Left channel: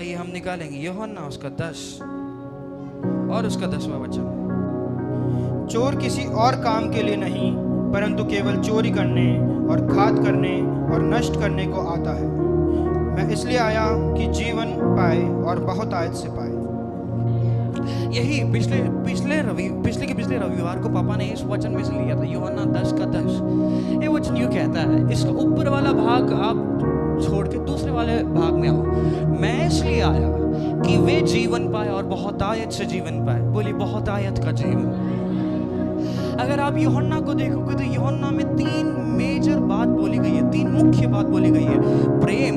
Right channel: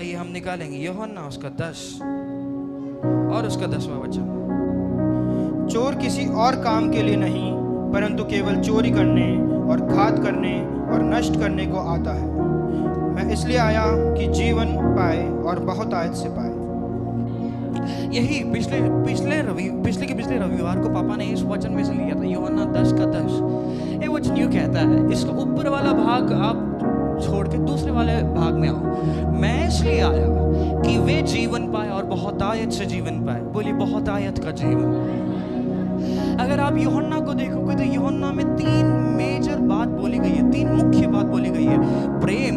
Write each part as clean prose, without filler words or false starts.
ये हम निकालेंगे यूहन्ना उसका 10 और उसका 10वां वचन। चोर किसी और काम के लिए नहीं परंतु केवल चोरी करने और घात करने और नष्ट करने को आता है। मैं इसलिए आया कि जीवन पाए और बहुत आयत से पाए। यही पिछले रविवार को पापा ने इस वचन में से लिया था, यूहन्ना 10 का 10। ये वचन यूं कहता है, इसका ऊपर वाला भाग आप छोड़ के दूसरे वाले भाग में आओ। मैं इसलिए आया कि वे जीवन पाए और बहुत आयत से जीवन पाए। बोली बहुत आयत का जीवन। अगर आप यूहन्ना को देखोगे तो यूहन्ना में 3 मेजर बात बोली गई है, 3 मुख्य बात बोली गई है, प्रेम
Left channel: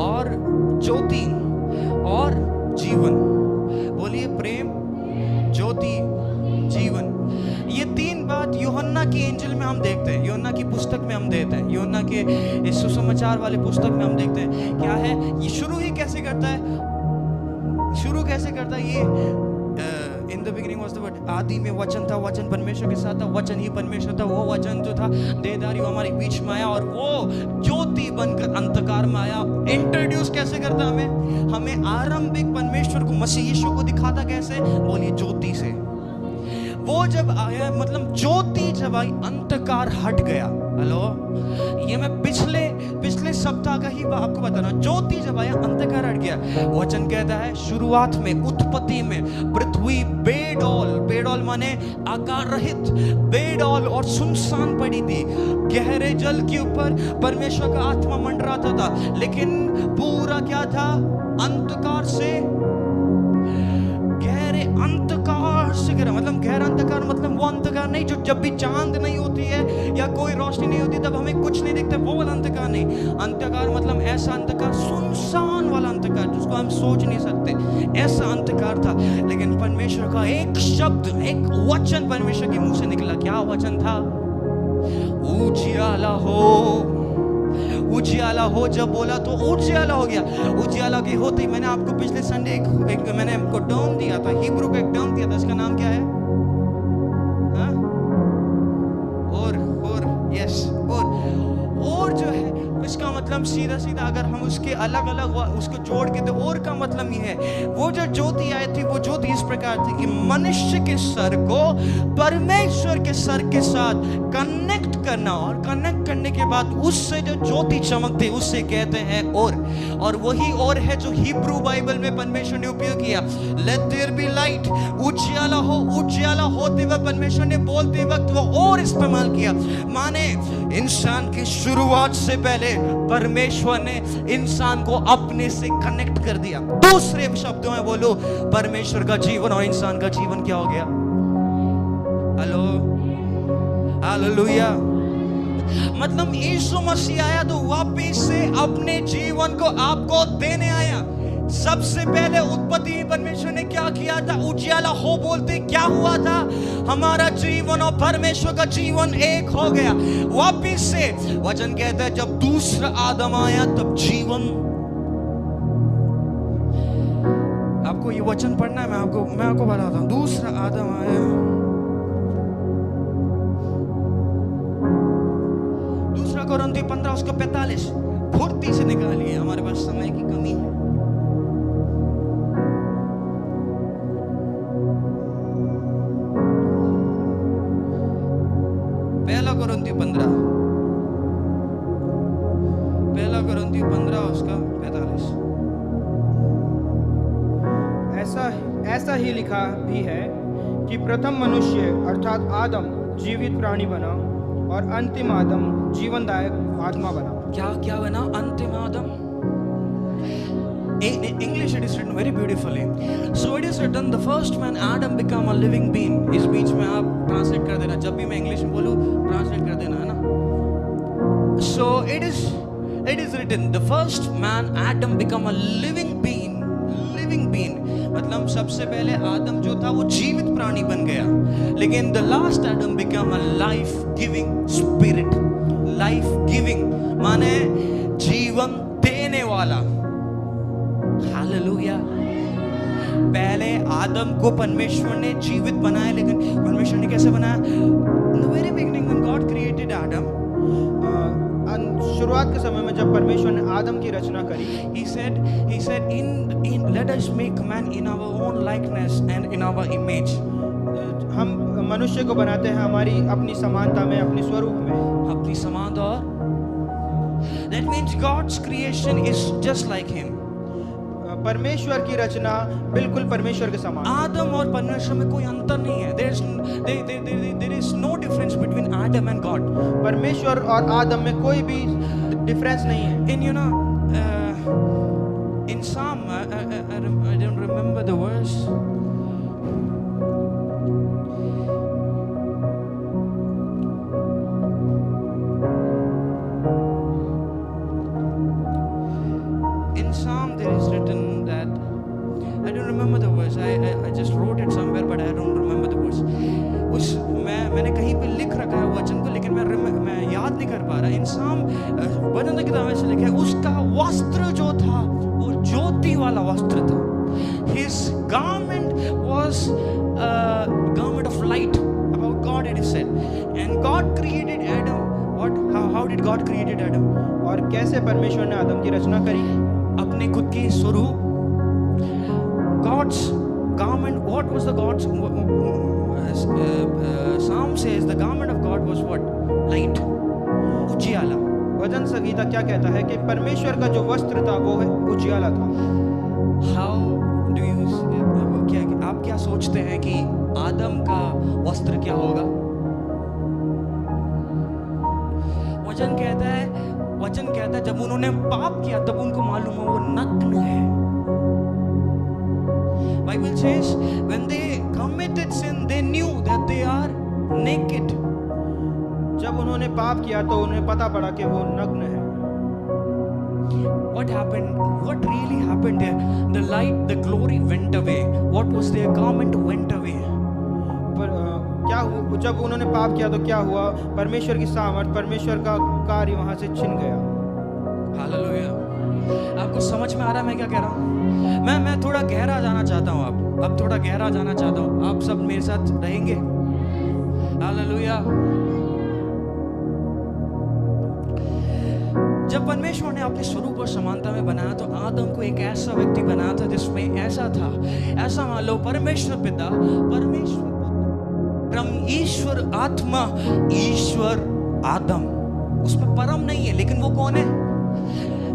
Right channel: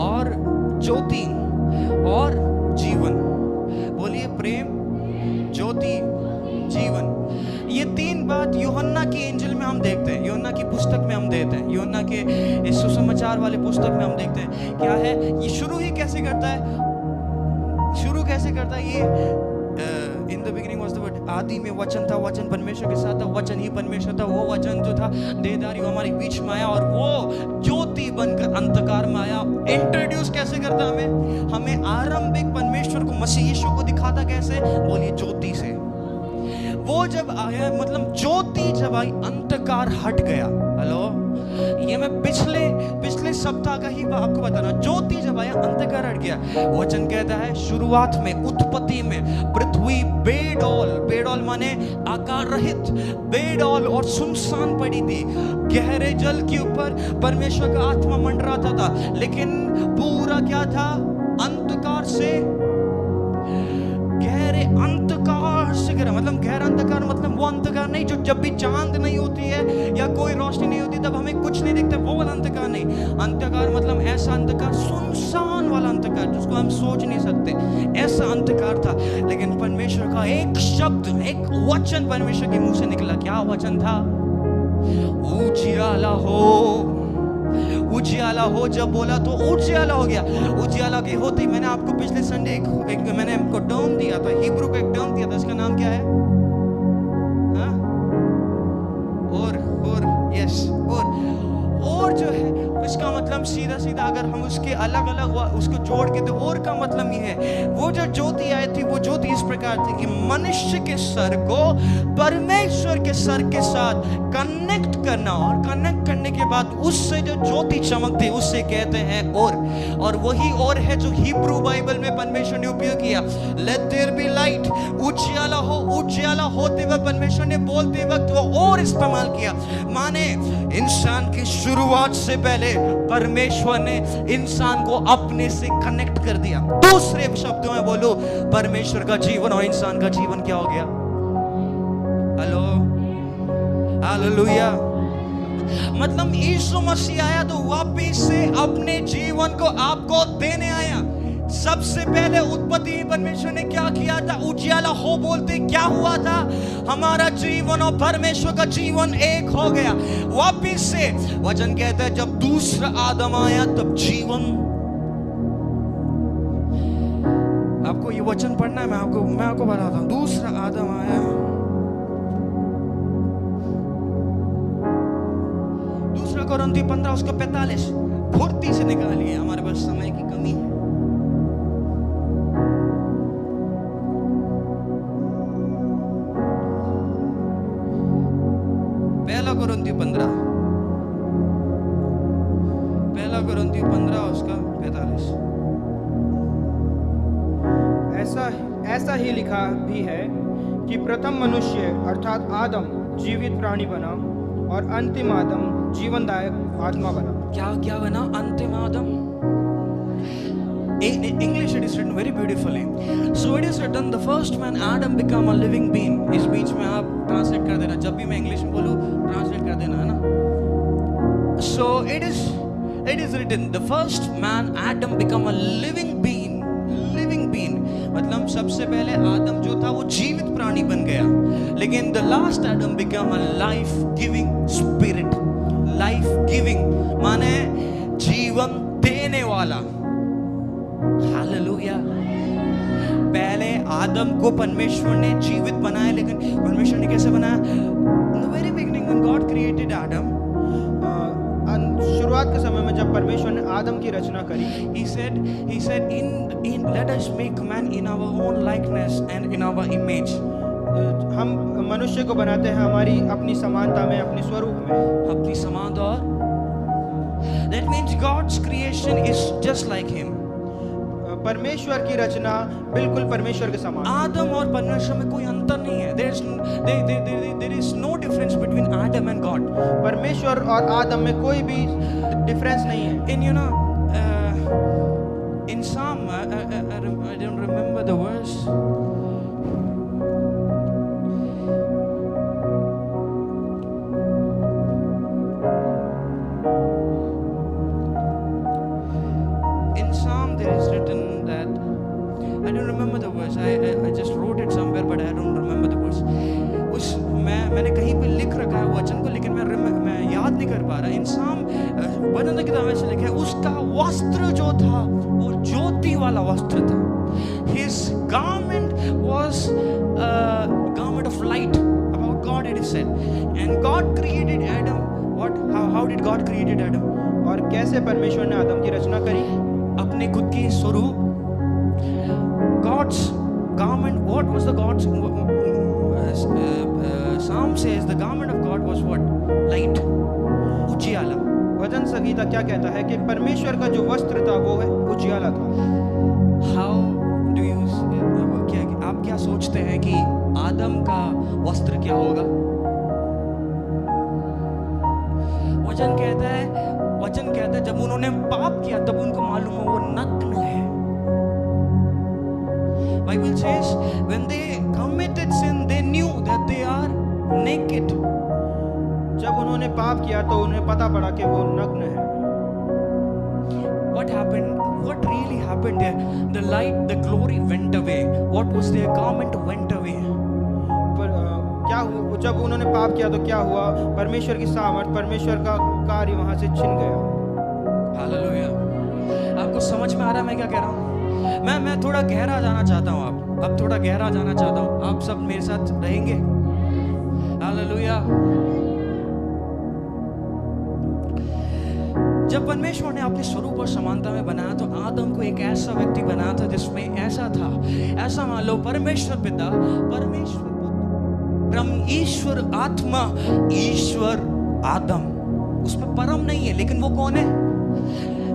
और ज्योति और जीवन। बोलिए प्रेम, ज्योति, जीवन। ये 3 बात यूहन्ना की एंजल में हम देखते हैं, यूहन्ना की पुस्तक में हम देखते हैं, यूहन्ना के इस सुसमाचार वाले पुस्तक में हम देखते हैं। क्या है ये? शुरू ही कैसे करता है? शुरू कैसे करता है ये? In the beginning was the word. आदि में वचन था, वचन परमेश्वर के साथ था, वचन ही परमेश्वर था। वो वचन जो था देहधारी हमारे बीच में आया और वो ज्योति बनकर अंधकार में आया। इंट्रोड्यूस कैसे करता हमें आरंभिक परमेश्वर को, मसीह यीशु को दिखाता कैसे? बोलिए ज्योति से। वो जब आया, मतलब ज्योति जब आई, अंधकार हट गया। हेलो, ये मैं पिछले सप्ताह का ही आपको बता रहा हूं। ज्योति जब आया, अंधकार हट गया। वचन कहता है शुरुआत में, उत्पत्ति में पृथ्वी बेडौल माने आकार रहित, बेडौल और सुनसान पड़ी थी। गहरे जल के ऊपर परमेश्वर का आत्मा मंडराता था, लेकिन पूरा क्या था? अंधकार से, गहरे अंधकार से गिरा। मतलब गहरा अंधकार मतलब वो अंधकार नहीं जो जब भी चांद नहीं होती है या कोई रोशनी नहीं होती तब हमें कुछ नहीं दिखता, वो वाला अंधकार नहीं। अंधकार मतलब ऐसा अंधकार, सुनसान वाला अंधकार जिसको हम सोच नहीं सकते, ऐसा अंधकार था। लेकिन परमेश्वर का एक शब्द, एक वचन परमेश्वर के मुंह से निकला। क्या वचन था? उजियाला हो। उजियाला हो जब बोला तो उजियाला हो गया। उजियाला के होते ही मैंने आपको पिछले संडे एक मैंने आपको टर्म दिया था, हिब्रू का एक टर्म दिया था। इसका नाम क्या है? हाँ? यस, और जो है इसका मतलब सीधा अगर हम उसके अलग उसको जोड़ के तो और का मतलब ये है, वो जो ज्योति आई थी वो ज्योति इस प्रकार थी कि मनुष्य के सर को परमेश्वर के सर के साथ कनेक्ट करना, और कनेक्ट करने के बाद उससे जो ज्योति चमकती उससे कहते हैं और वही और है जो हिब्रू बाइबल में परमेश्वर ने उपयोग किया। लेट देयर बी लाइट, उजियाला होते वक्त परमेश्वर ने बोलते वक्त वो और इस्तेमाल किया। माने इंसान की शुरुआत से पहले परमेश्वर ने इंसान को अपने से कनेक्ट कर दिया। दूसरे शब्दों में बोलो, परमेश्वर का जीवन और इंसान का जीवन क्या हो गया? Hello, hallelujah. मतलब यीशु मसीह आया तो वापिस से अपने जीवन को आपको देने आया। सबसे पहले उत्पत्ति में परमेश्वर ने क्या किया था? उजियाला हो बोलते क्या हुआ था? हमारा जीवन और परमेश्वर का जीवन एक हो गया। वापिस से वचन कहता है जब दूसरा आदम आया तब जीवन। आपको ये वचन पढ़ना है, मैं आपको बताता हूं। दूसरा आदम आया, दूसरा कोरिन्थियों 15 उसका 45 फुर्ती से निकालिए, हमारे पास समय की कमी है। पहला कोरिन्थियों 15 उसका 45। ऐसा ही लिखा भी है कि प्रथम मनुष्य अर्थात आदम जीवित प्राणी बना और अंतिम आदम जीवनदायक आत्मा बना। क्या बना? अंतिम आदम। In English it is written very beautifully. So it is written the first man Adam became a living being. इस बीच में आप ट्रांसलेट कर देना, जब भी मैं इंग्लिश में बोलूँ ट्रांसलेट कर देना, है ना? So it is written the first man Adam became a living being. मतलब सबसे पहले आदम जो था वो जीवित प्राणी बन गया, लेकिन the last Adam became a life giving spirit. Life giving माने जीवन देने वाला। हालेलुया। पहले आदम को परमेश्वर ने जीवित बनाया, लेकिन परमेश्वर ने कैसे बनाया? In the very beginning when God created Adam, शुरुआत के समय में जब परमेश्वर ने आदम की रचना करी, he said, in let us make man in our own likeness and in our image. हम मनुष्य को बनाते हैं हमारी अपनी समानता में, अपनी स्वरूप में। अपनी समानता और that means God's creation is just like him. परमेश्वर की रचना बिल्कुल परमेश्वर के समान। आदम और परमेश्वर में कोई अंतर नहीं है। There is no difference between Adam and God. परमेश्वर और आदम में कोई भी डिफरेंस नहीं है। In in Psalm, I don't remember the verse. In Psalm there is written that I don't remember the verse. I just wrote it somewhere, but I don't remember the verse. मैंने कहीं पे लिख रखा है वचन को, लेकिन मैं याद नहीं कर पा रहा। इन Psalm वचन की किताब में से लिखा है, उसका वस्त्र जो था वो ज्योति वाला वस्त्र था। His garment was a garment of light. About God it is said. And God created Adam. How did God created Adam? और कैसे परमेश्वर ने आदम की रचना करी? अपने खुद के स्वरूप। God's garment, what was the God's Psalm says the garment of God was what? Light. उजियाला। भजन संगीता क्या कहता है कि परमेश्वर का जो वस्त्र था वो है उजियाला था। How do you आप क्या सोचते हैं कि आदम का वस्त्र क्या होगा? वचन कहता है जब उन्होंने पाप किया तब उनको मालूम हो वो नग्न है। Bible says when they committed sin they knew that they are naked. जब उन्होंने पाप किया तो उन्हें पता पड़ा कि वो नग्न है। What happened? What really happened there? The light, the glory went away. What was their garment went away. पर क्या हुआ जब उन्होंने पाप किया तो क्या हुआ? परमेश्वर की सामर्थ, परमेश्वर का कार्य वहां से छिन गया। हालेलुया। आपको समझ में आ रहा है मैं क्या कह रहा हूँ? मैं थोड़ा गहरा जाना चाहता हूँ। अब थोड़ा गहरा जाना चाहता हूँ। आप सब मेरे साथ रहेंगे? हालेलुया। जब परमेश्वर ने अपने स्वरूप और समानता में बनाया तो आदम को एक ऐसा व्यक्ति बनाया था जिसमें ऐसा था, ऐसा मान लो परमेश्वर पिता, परमेश्वर पुत्र, परम ईश्वर आत्मा, ईश्वर आदम। उसमें परम नहीं है, लेकिन वो कौन है?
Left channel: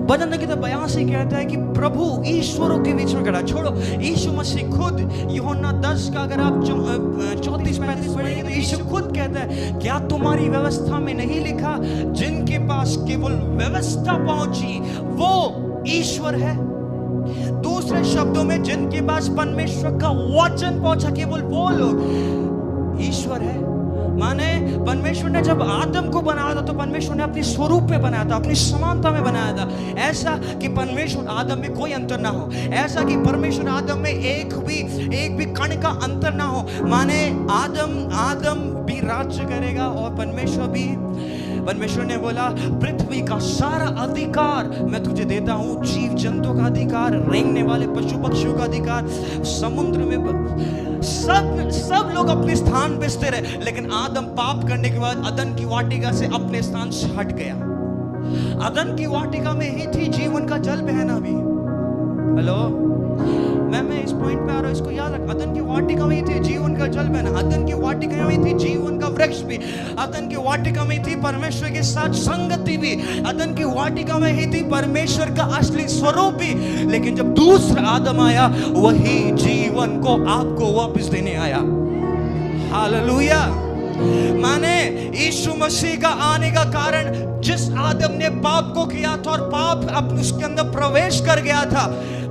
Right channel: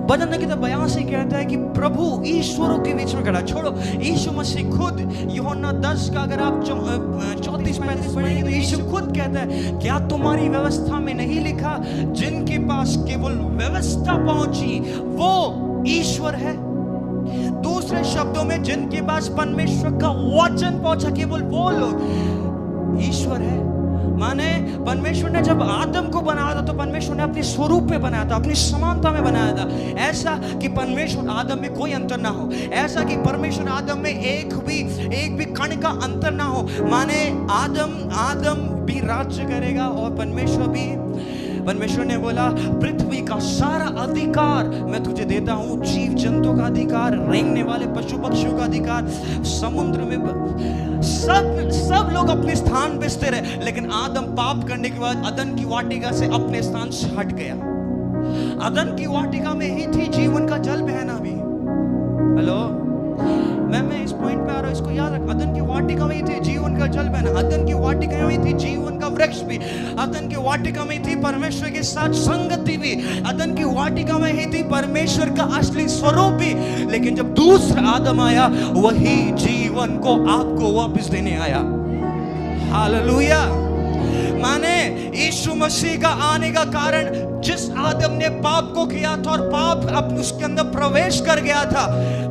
भजन की किताब बयान से कहता है कि प्रभु ईश्वरों के बीच में खड़ा। छोड़ो, यीशु मसीह खुद यूहन्ना 10 का अगर आप 34-35 पढ़ेंगे तो यीशु खुद कहता है, क्या तुम्हारी व्यवस्था में नहीं लिखा जिनके पास केवल व्यवस्था पहुंची वो ईश्वर है? दूसरे शब्दों में जिनके पास परमेश्वर का वचन पहुंचा केवल वो लोग ईश्वर है। माने परमेश्वर ने जब आदम को बनाया था तो परमेश्वर ने अपने स्वरूप में बनाया था, अपनी समानता में बनाया था, ऐसा कि परमेश्वर आदम में कोई अंतर ना हो, ऐसा कि परमेश्वर आदम में एक भी कण का अंतर ना हो। माने आदम भी राज्य करेगा और परमेश्वर ने बोला पृथ्वी का सारा अधिकार मैं तुझे देता हूं, जीव जंतु का अधिकार, रेंगने वाले पशु पक्षियों का अधिकार, समुद्र में सब लोग अपने स्थान पे स्थिर है। लेकिन आदम पाप करने के बाद अदन की वाटिका से अपने स्थान से हट गया। अदन की वाटिका में ही थी जीवन का जल बहना भी। हेलो, मैं इस पॉइंट पे आ रहा हूं, इसको याद रख। अदन की वाटिका में ही थी जीवन का जल बहना, अदन की वाटिका में ही थी जीवन का वृक्ष भी, अदन की वाटिका में थी परमेश्वर के साथ संगति भी, अदन की वाटिका में ही थी परमेश्वर का असली स्वरूप भी। लेकिन जब दूसरा आदम आया वही जीवन को आपको वापस देने आया। हालेलुया। माने यीशु मसीह का आने का कारण, जिस आदम ने पाप को किया था और पाप अब उसके अंदर प्रवेश कर गया था,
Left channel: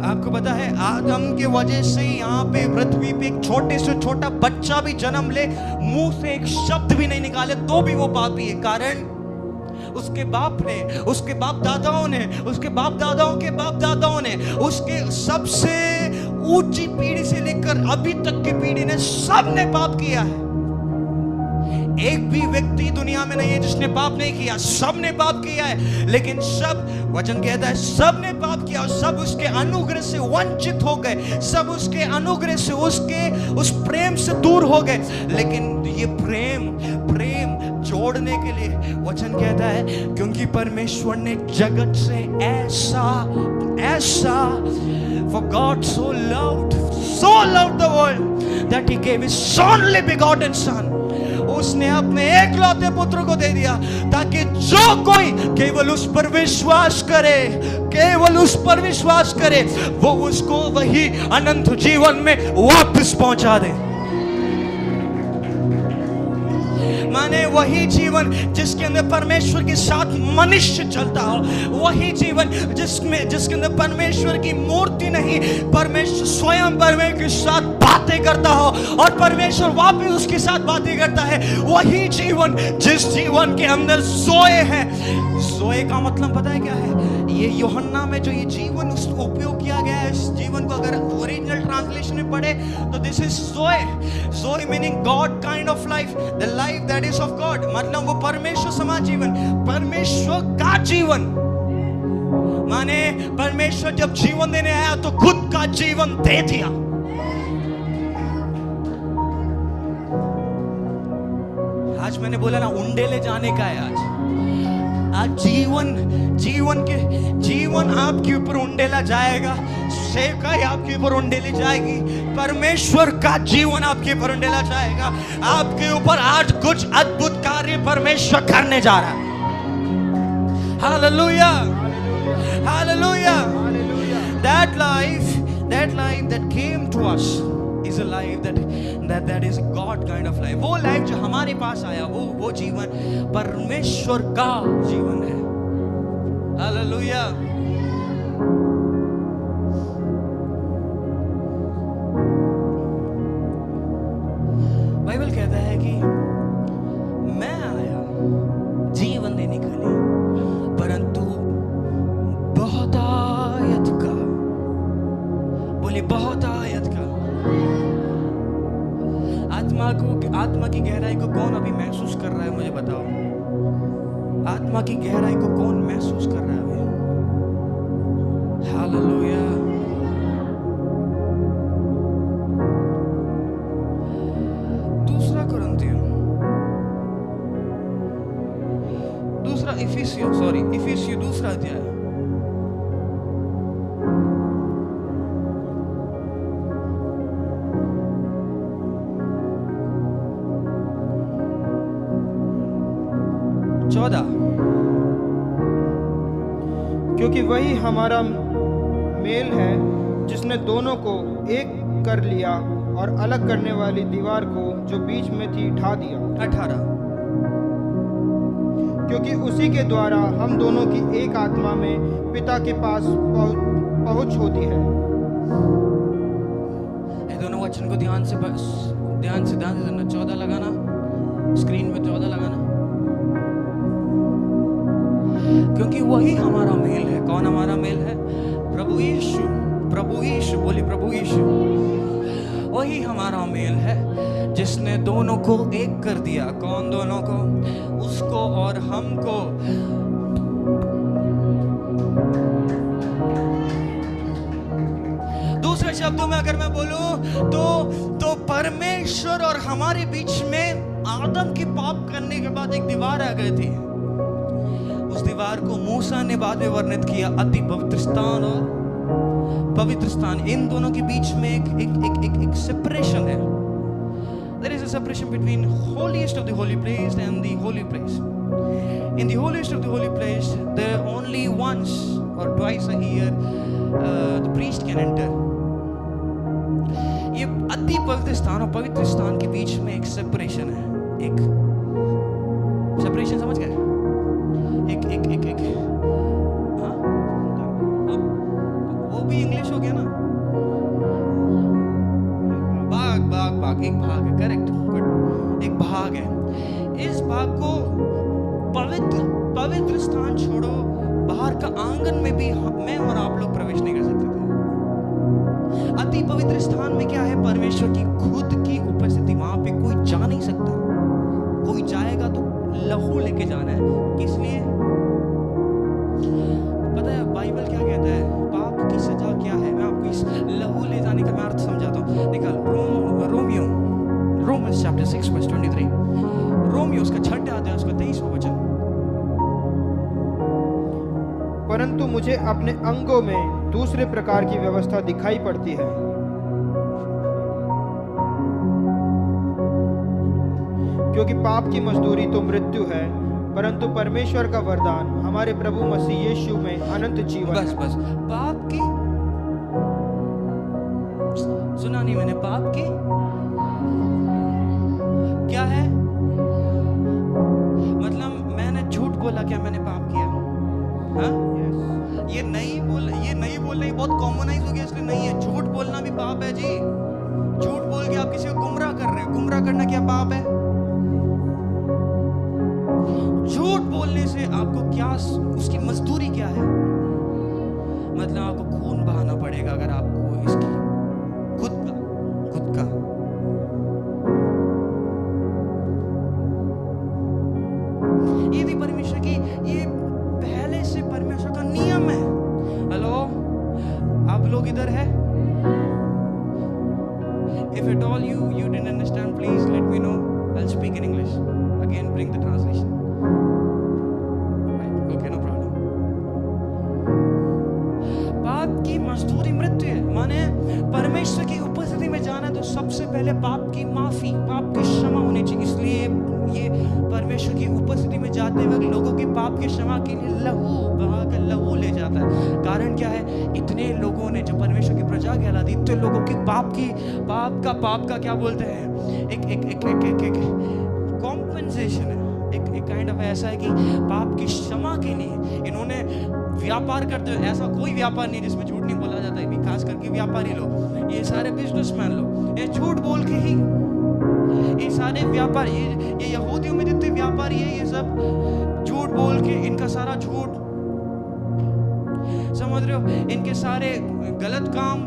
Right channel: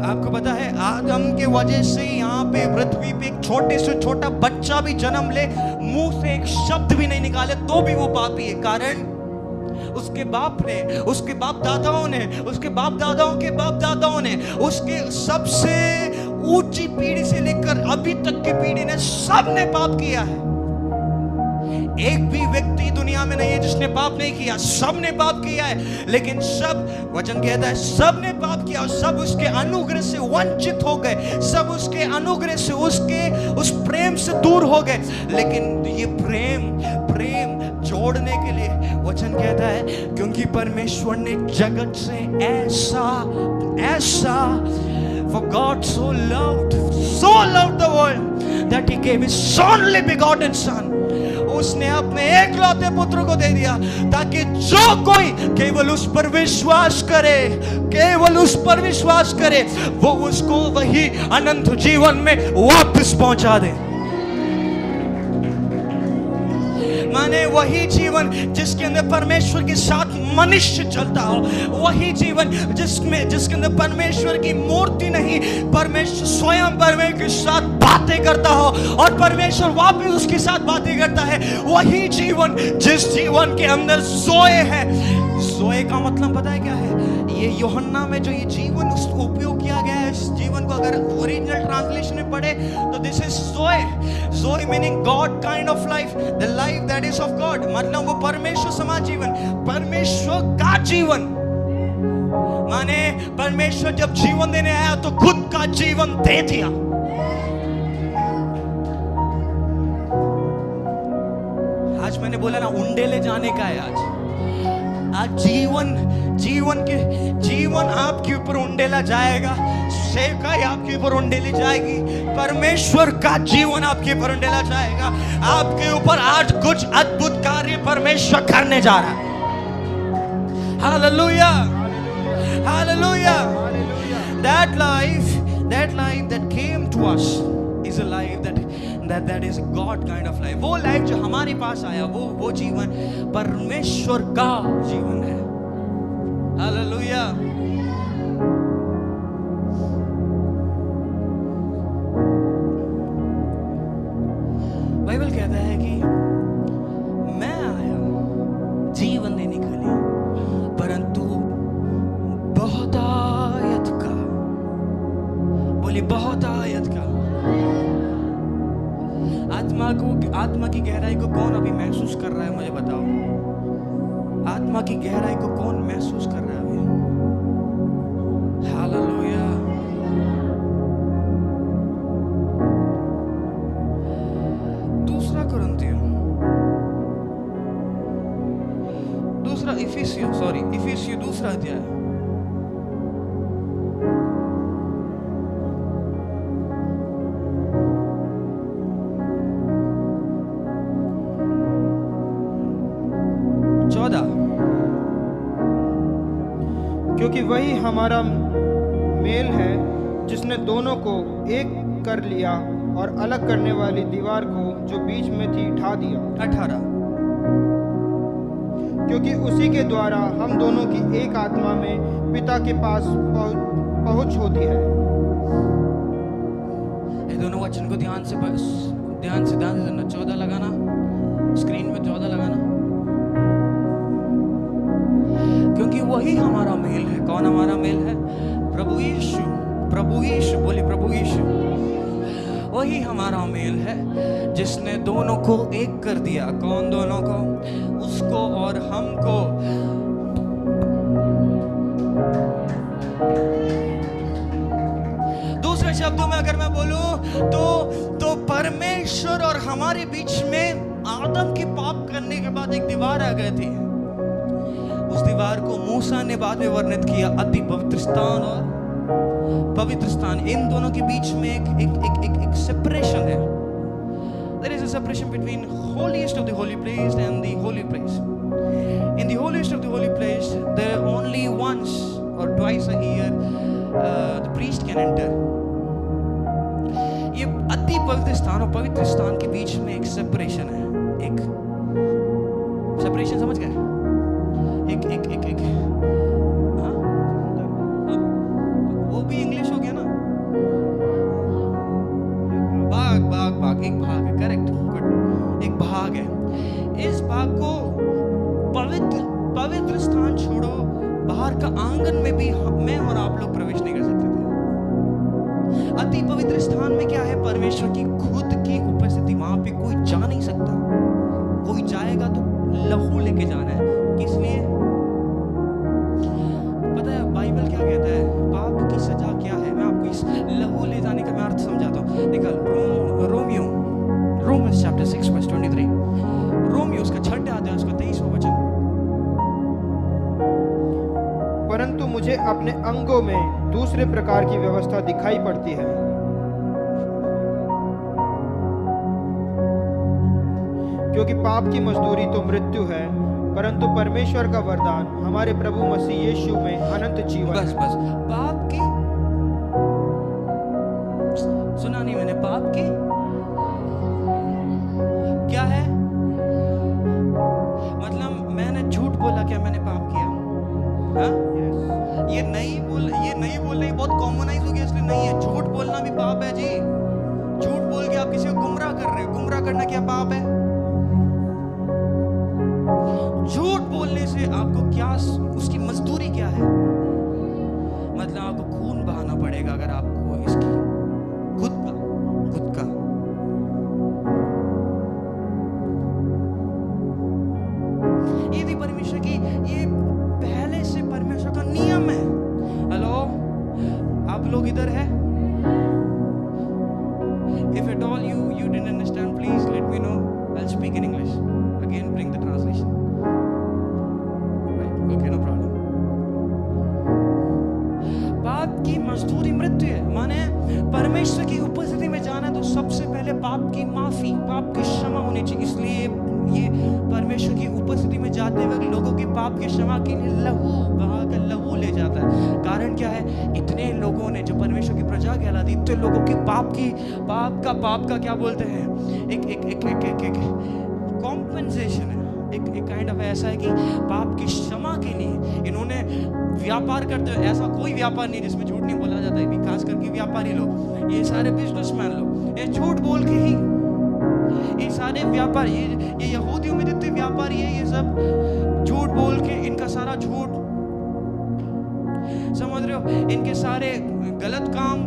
आपको पता है आदम के वजह से यहाँ पे पृथ्वी पे एक छोटे से छोटा बच्चा भी जन्म ले, मुंह से एक शब्द भी नहीं निकाले तो भी वो पापी है। कारण उसके बाप ने, उसके बाप दादाओं ने, उसके बाप दादाओं के बाप दादाओं ने, उसके सबसे ऊंची पीढ़ी से लेकर अभी तक की पीढ़ी ने सबने पाप किया है। एक भी व्यक्ति दुनिया में नहीं है जिसने पाप नहीं किया, सब ने पाप किया है। लेकिन सब, वचन कहता है सब ने पाप किया और सब उसके अनुग्रह से वंचित हो गए, सब उसके अनुग्रह से, उसके उस प्रेम से दूर हो गए। लेकिन ये प्रेम प्रेम जोड़ने के लिए वचन कहता है, क्योंकि परमेश्वर ने जगत से ऐसा ऐसा For God so loved the world that he gave his only begotten son. उसने अपने एकलौते पुत्र को दे दिया ताकि जो कोई केवल उस पर विश्वास करे, केवल उस पर विश्वास करे, वो उसको वही अनंत जीवन में वापस पहुंचा दे। माने वही जीवन जिसके अंदर परमेश्वर के साथ मनुष्य चलता हो, वही जीवन जिसके अंदर परमेश्वर की मूर्ति नहीं, परमेश्वर स्वयं परमेश्वर के साथ बातें करता हो और परमेश्वर वापस उसके साथ बातें करता है, वही जीवन जिस जीवन के अंदर जोए है। जोए का मतलब पता है क्या है? ये यूहन्ना में जो ये जीवन उसको उपयोग किया गया है, इस जीवन को अगर ओरिजिनल ट्रांसलेशन में पढ़े तो this is Joe. Joe meaning God kind of life, the life that is of God, मतलब वो परमेश्वर समान जीवन, परमेश्वर का जीवन। माने परमेश्वर जब जीवन देने आया तो खुद का जीवन दे दिया। आज मैंने बोला ना, उंडेले जाने का है आज जीवन आपके ऊपर उंडेला जाएगा, सेवकाई आपके ऊपर उंडेली जाएगी, परमेश्वर का जीवन आपके ऊपर उंडेला जाएगा। आपके ऊपर आज कुछ अद्भुत कार्य परमेश्वर करने जा रहा है। Hallelujah, hallelujah. That life that came to us is a life that is a God kind of life. वो लाइफ जो हमारे पास आया, वो जीवन परमेश्वर का जीवन है। हालेलुया। बाइबल कहता है कि मैं आया जीवन देने के लिए, परंतु बहुतायत का, बोले बहुतायत का। आत्मा की गहराई को कौन अभी महसूस कर रहा है? मुझे बताओ, आत्मा की गहराई को कौन महसूस कर रहा है अभी? हालेलुया। इफिसियों दूसरा अध्याय, क्योंकि वही हमारा मेल है जिसने दोनों को एक कर लिया और अलग करने वाली दीवार को जो बीच में थी ढा दिया। 18। क्योंकि उसी के द्वारा हम दोनों की एक आत्मा में पिता के पास पहुंच होती है। ये दोनों वचन को ध्यान से देना। 14 लगाना, स्क्रीन में 14 लगाना। क्योंकि वही हमारा मेल है। कौन हमारा मेल है? प्रभु यीशु। प्रभु यीशु, बोले प्रभु यीशु। वही हमारा मेल है जिसने दोनों को एक कर दिया। कौन दोनों को? उसको और हमको। दूसरे शब्दों में अगर मैं बोलूं तो परमेश्वर और हमारे बीच में आदम की पाप करने के बाद एक दीवार आ गई थी। उस दीवार को मूसा ने बाद में वर्णित किया अति पवित्र स्थान और पवित्र स्थान। इन दोनों के बीच में एक सेपरेशन है। There is a separation between holiest of the holy place and the holy place. In the holiest of the holy place, there only once or twice a year the priest can enter. ये अति पवित्र स्थान और पवित्र स्थान के बीच में एक सेपरेशन है। एक सेपरेशन, समझ गए? एक हाँ, वो भी इंग्लिश हो गया ना। भाग एक भाग है, करेक्ट, गुड। एक भाग है। इस भाग को पवित्र स्थान छोड़ो, बाहर का आंगन में भी मैं और आप लोग प्रवेश नहीं कर सकते थे। अति पवित्र स्थान में क्या है? परमेश्वर की खुद की उपस्थिति। वहां पे कोई जा नहीं सकता। कोई जाएगा तो लहू लेके जाना है। किस लिए? पता है बाइबल क्या कहता है? पाप की सजा क्या है? मैं आपको इस लहू ले जाने का मैं अर्थ समझाता हूँ। निकाल Romans chapter 6 verse 23. रोमियो उसका 6 अध्याय उसका 23वां वचन। परंतु मुझे अपने अंगों में दूसरे प्रकार की व्यवस्था दिखाई पड़ती है। क्योंकि पाप की मजदूरी तो मृत्यु है, परंतु परमेश्वर का वरदान हमारे प्रभु मसीह यीशु में अनंत जीवन बस बस पाप की, सुना नहीं मैंने, पाप की क्या है? मतलब मैंने झूठ बोला, क्या मैंने पाप किया? हाँ? ये नहीं बोलना बहुत कॉमनाइज हो गया, इसलिए नहीं है। झूठ बोलना भी पाप है जी। झूठ बोल के आप किसी को गुमराह कर रहे हो। गुमराह करना क्या पाप है? झूठ बोलने से आपको क्या, उसकी मजदूरी क्या है? मतलब आपको खून बहाना पड़ेगा अगर आपको इसकी खुद का ये भी परमेश्वर की, ये पहले से परमेश्वर का नियम है। हेलो, आप लोग इधर है? If at all you didn't understand, please let me know. I'll speak in English. Again, bring the translation. Right? Okay, no problem. पाप की मजदूरी मृत्यु है। माने परमेश्वर की उपस्थिति में जाना तो सबसे पहले पाप की माफी, पाप की क्षमा होनी चाहिए। इसलिए ये परमेश्वर की उपस्थिति में जाते वक्त लोगों की पाप की क्षमा के लिए लहू बहाकर लहू ले जाता है। कारण क्या है? इतने लोगों ने, जो परमेश्वर की प्रजा कहलाती, इतने लोगों की पाप का क्या बोलते हैं, एक कॉम्पेंसेशन है, एक काइंड ऑफ ऐसा है कि पाप की क्षमा के लिए इन्होंने व्यापार करते हुए, ऐसा कोई व्यापार नहीं जिसमें झूठ नहीं बोला जाता है, खास करके व्यापारी लोग, ये सारे बिजनेसमैन लोग, ये झूठ बोल के ही, ये सारे व्यापारी, ये यहूदियों में जितने व्यापारी है, ये सब झूठ बोल के, इनका सारा झूठ, समझ रहे हो, इनके सारे गलत काम,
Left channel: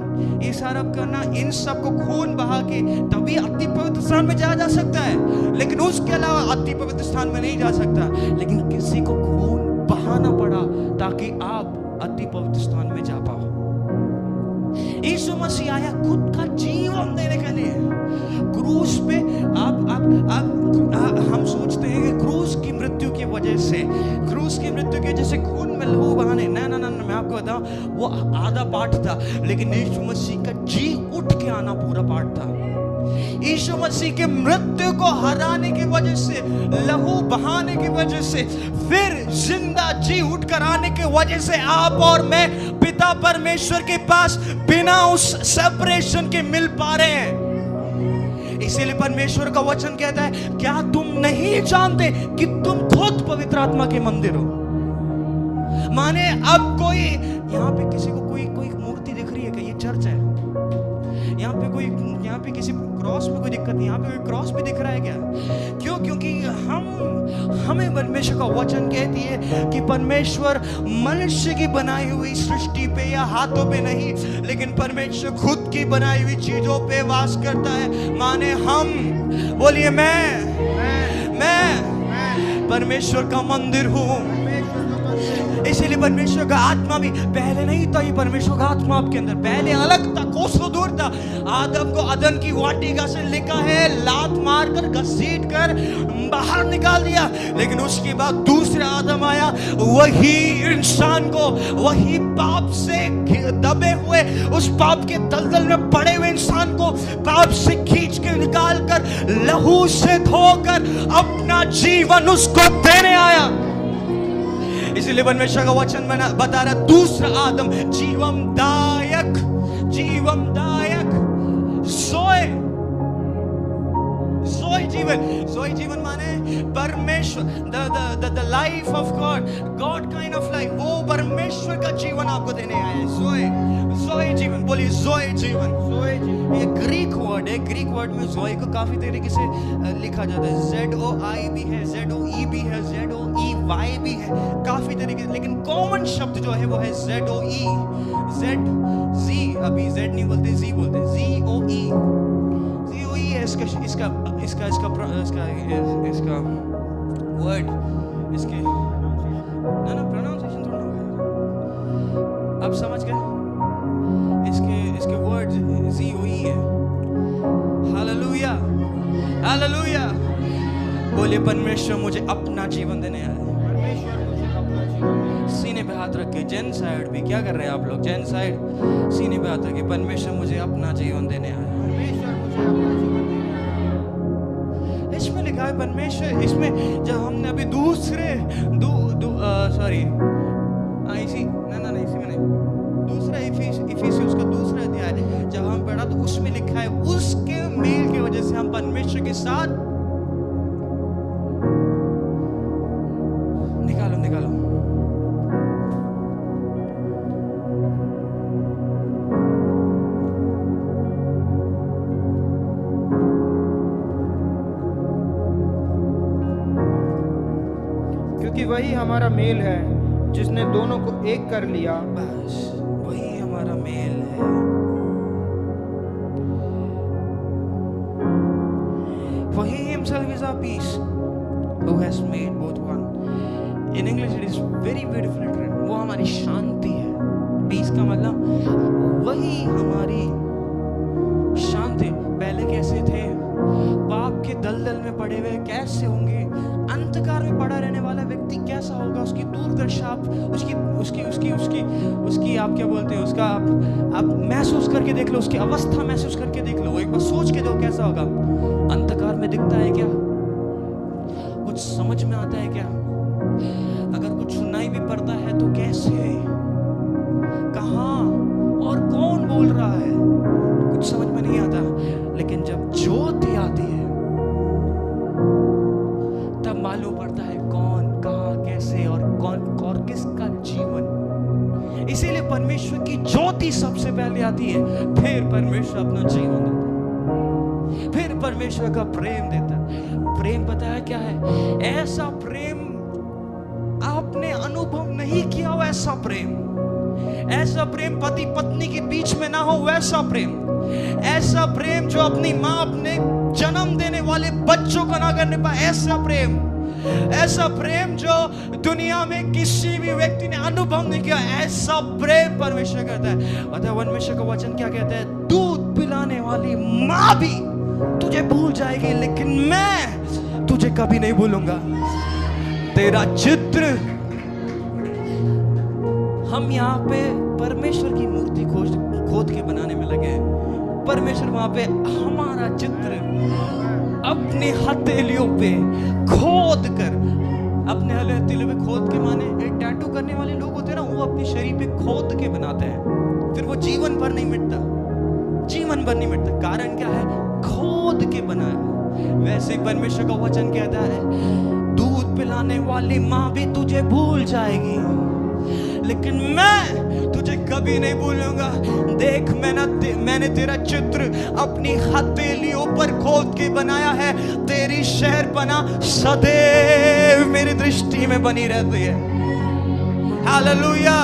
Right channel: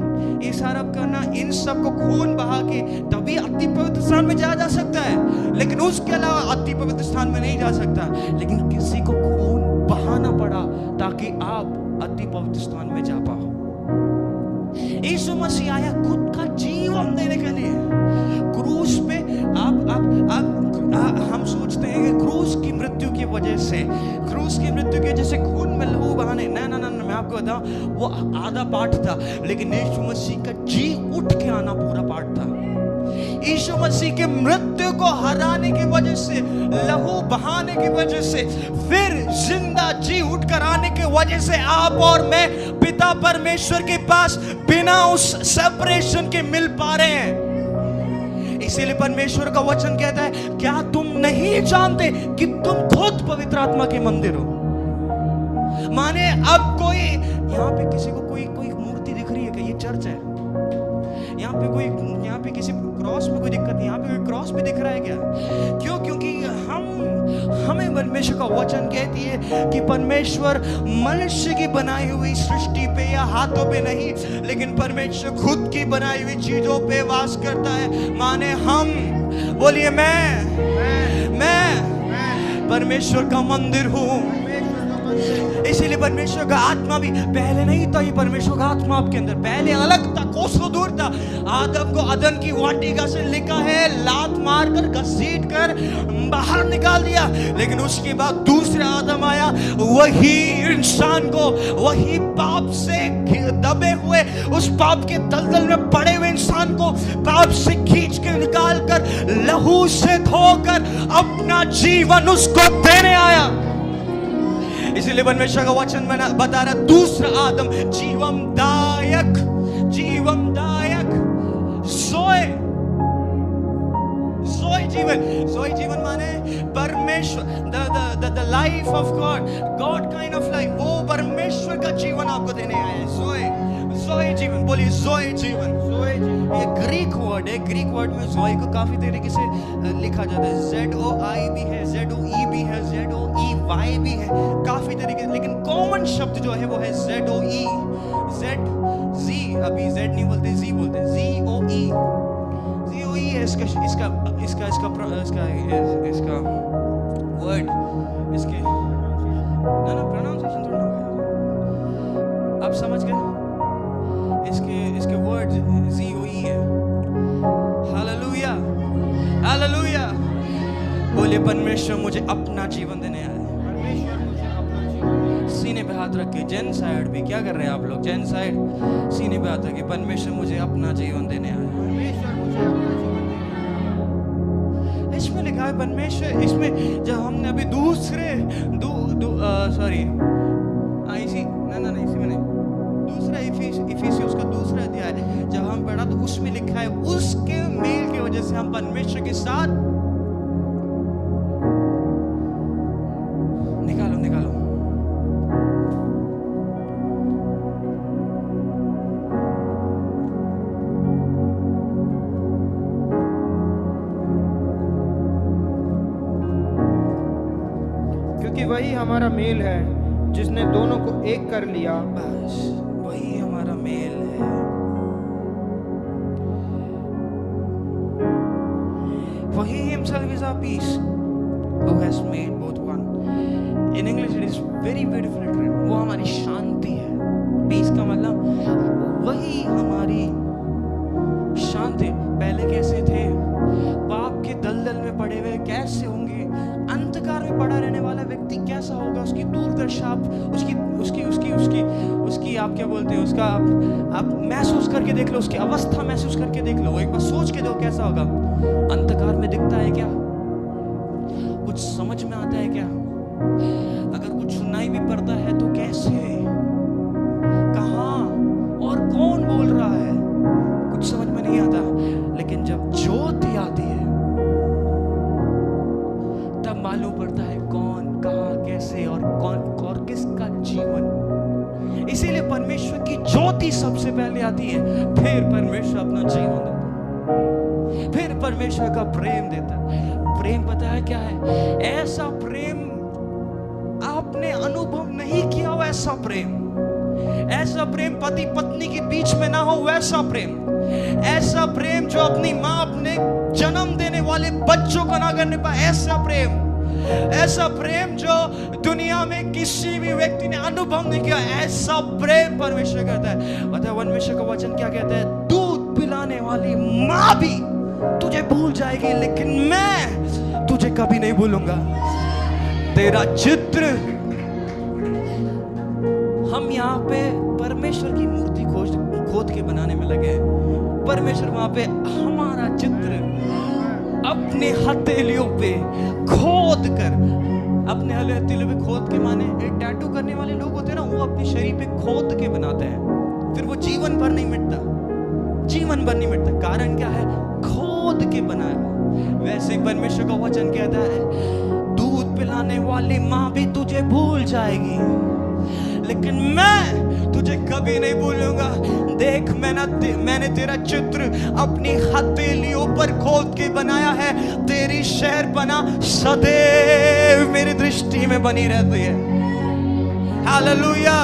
ये सारा करना, इन सब को खून बहा के तभी अति पवित्र स्थान में जाया जा सकता है। लेकिन उसके अलावा अति पवित्र स्थान में नहीं जा सकता। लेकिन किसी को खून बहाना पड़ा ताकि आप अति पवित्र स्थान में जा पाओ। यीशु मसीह आया खुद का जीवन देने के लिए क्रूस पे। हम सोचते हैं कि क्रूस की मृत्यु की वजह से खून में लहू बहाने, ना मैं आपको बताऊं, वो आधा पार्ट था, लेकिन यीशु मसीह का जी उठ के आना पूरा पार्ट था। यीशु मसीह के मृत्यु को हराने की वजह से, लहू बहाने की वजह से, फिर जिंदा जी उठकर आने की वजह से आप और मैं पिता परमेश्वर के पास बिना उस सेपरेशन के मिल पा रहे हैं। इसीलिए परमेश्वर का वचन कहता है, क्या तुम नहीं जानते कि तुम खुद पवित्र आत्मा के मंदिर हो? माने अब कोई यहाँ पे किसी को कोई मूर्ति दिख रही है कि ये चर्च है? यहाँ पे किसी क्रॉस में कोई दिक्कत नहीं, यहाँ पे कोई क्रॉस भी दिख रहा है क्या? क्यों? क्योंकि हमें परमेश्वर का वचन कहती है कि परमेश्वर मनुष्य की बनाई हुई सृष्टि पे या हाथों पे नहीं, लेकिन परमेश्वर खुद की बनाई हुई चीजों पे वास करता है। माने हम, बोलिए मैं परमेश्वर का मंदिर हूँ। इसीलिए परमेश्वर का आत्मा भी पहले नहीं था। ये परमेश्वर का आत्मा आपके अंदर पहले अलग था, कोसों दूर था। आदम को अदन की वाटिका से लिखा है, लात मारकर घसीट कर बाहर निकाल दिया। लेकिन उसके बाद दूसरा आदम आया, वही इंसान को, वही पाप से दबे हुए, उस पाप के दलदल में पड़े हुए इंसान को पाप से खींच के निकाल कर, लहू से धोकर अपना जीवन उसको देने आया। इसीलिए परमेश्वर का वचन बता रहा, दूसरा आदम जीवनदायक सोए जीवन माने परमेश्वर, the life of God kind of life, वो परमेश्वर का जीवन आपको देने आया है। जोए जीवन, बोलिए जोए जीवन। ये ग्रीक वर्ड है। ग्रीक वर्ड में जोए को काफी तरीके से लिखा जाता है। ZOI भी है, ZOE भी है, ZOEY भी है, काफी तरीके से। लेकिन कॉमन शब्द जो है वो है ZOE, Z, अभी Z नहीं बोलते, Z बोलते, ZOE है इसका वर्ड, इसके ना प्रोनाउंसिएशन थोड़ा होगा, आप समझ गए? इसके वर्ड ZOE है। हालेलुया। हालेलुया। बोले परमेश्वर मुझे अपना जीवन देने आया है। परमेश्वर मुझे अपना जीवन दे। सीने पे हाथ रख के, जेन साइड भी क्या कर रहे हैं आप लोग, जेन साइड सीने पे हाथ रख के, परमेश्वर मुझे अपना जीवन देने आया है। परमेश्वर मुझे अपना जीवन देने आया है। इसमें लिखा है परमेश्वर, इसमें जब हमने अभी दूसरे सॉरी इसी नहीं इसी में नहीं, दूसरा इफिसियंस का दूसरा अध्याय जब हम पढ़ा तो उसमें लिखा है उसके मेल की वजह से हम परमेश्वर के साथ निकालो क्योंकि वही हमारा मेल है जिसने दोनों को एक कर लिया। बस वही हमारा मेल है। वही himself is our peace who has made both one. In English it is very beautifully written. वो हमारी शांति है। पीस का मतलब वही हमारी शांति। पहले कैसे थे, पाप के दलदल में पड़े हुए कैसे होंगे, अंधकार में पड़ा रहने वाला व्यक्ति कैसा होगा, उसकी दूरदर्शा आप उसकी आप क्या बोलते हैं, उसका आप महसूस करके देख लो, उसकी अवस्था महसूस करके देख लो, एक बार सोच के दो कैसा होगा। अंधकार में दिखता है क्या, कुछ समझ में आता है क्या, अगर कुछ सुनाई भी पड़ता है तो कैसे, कहां और कौन बोल रहा है, कुछ समझ में नहीं आता। लेकिन जब ज्योति आती है तब मालूम पड़ता है कौन, कहां, कैसे और कौन और किसका जीवन। इसीलिए परमेश्वर की ज्योति सबसे पहले आती है, फिर परमेश्वर अपना जीवन देता है, फिर परमेश्वर का प्रेम देता है। प्रेम पता है क्या है? ऐसा प्रेम आपने अनुभव नहीं किया हो, ऐसा प्रेम पति पत्नी के बीच में ना हो, वैसा प्रेम, ऐसा प्रेम जो अपनी माँ अपने जन्म देने वाले बच्चों को ना करने पाए, ऐसा प्रेम जो दुनिया में किसी भी व्यक्ति ने अनुभव नहीं किया, ऐसा प्रेम परमेश्वर करता है। पता है परमेश्वर का वचन क्या कहता है? दूध पिलाने वाली माँ भी तुझे भूल जाएगी, लेकिन मैं तुझे कभी नहीं भूलूंगा। तेरा चित्र, हम यहाँ पे परमेश्वर की मूर्ति खोद के बनाने में लगे हैं। परमेश्वर वहां पे हमारा चित्र अपने हथेलियों पे खोद कर, अपने हथेलियों पे खोद के माने एक टैटू करने वाले लोग होते हैं ना, वो अपने शरीर पे खोद के बनाते हैं, फिर वो जीवन भर नहीं मिटता। कारण क्या है? खोद के बनाया। वैसे ही परमेश्वर का वचन कहता है, दूध पिलाने वाली माँ भी तुझे भूल जाएगी, लेकिन मैं तुझे कभी नहीं भूलूंगा। देख मैंने तेरा चित्र अपनी हथेलियों पर खोद के बनाया है, तेरी शहर बना सदैव मेरी दृष्टि में बनी रहती है। हालेलुया।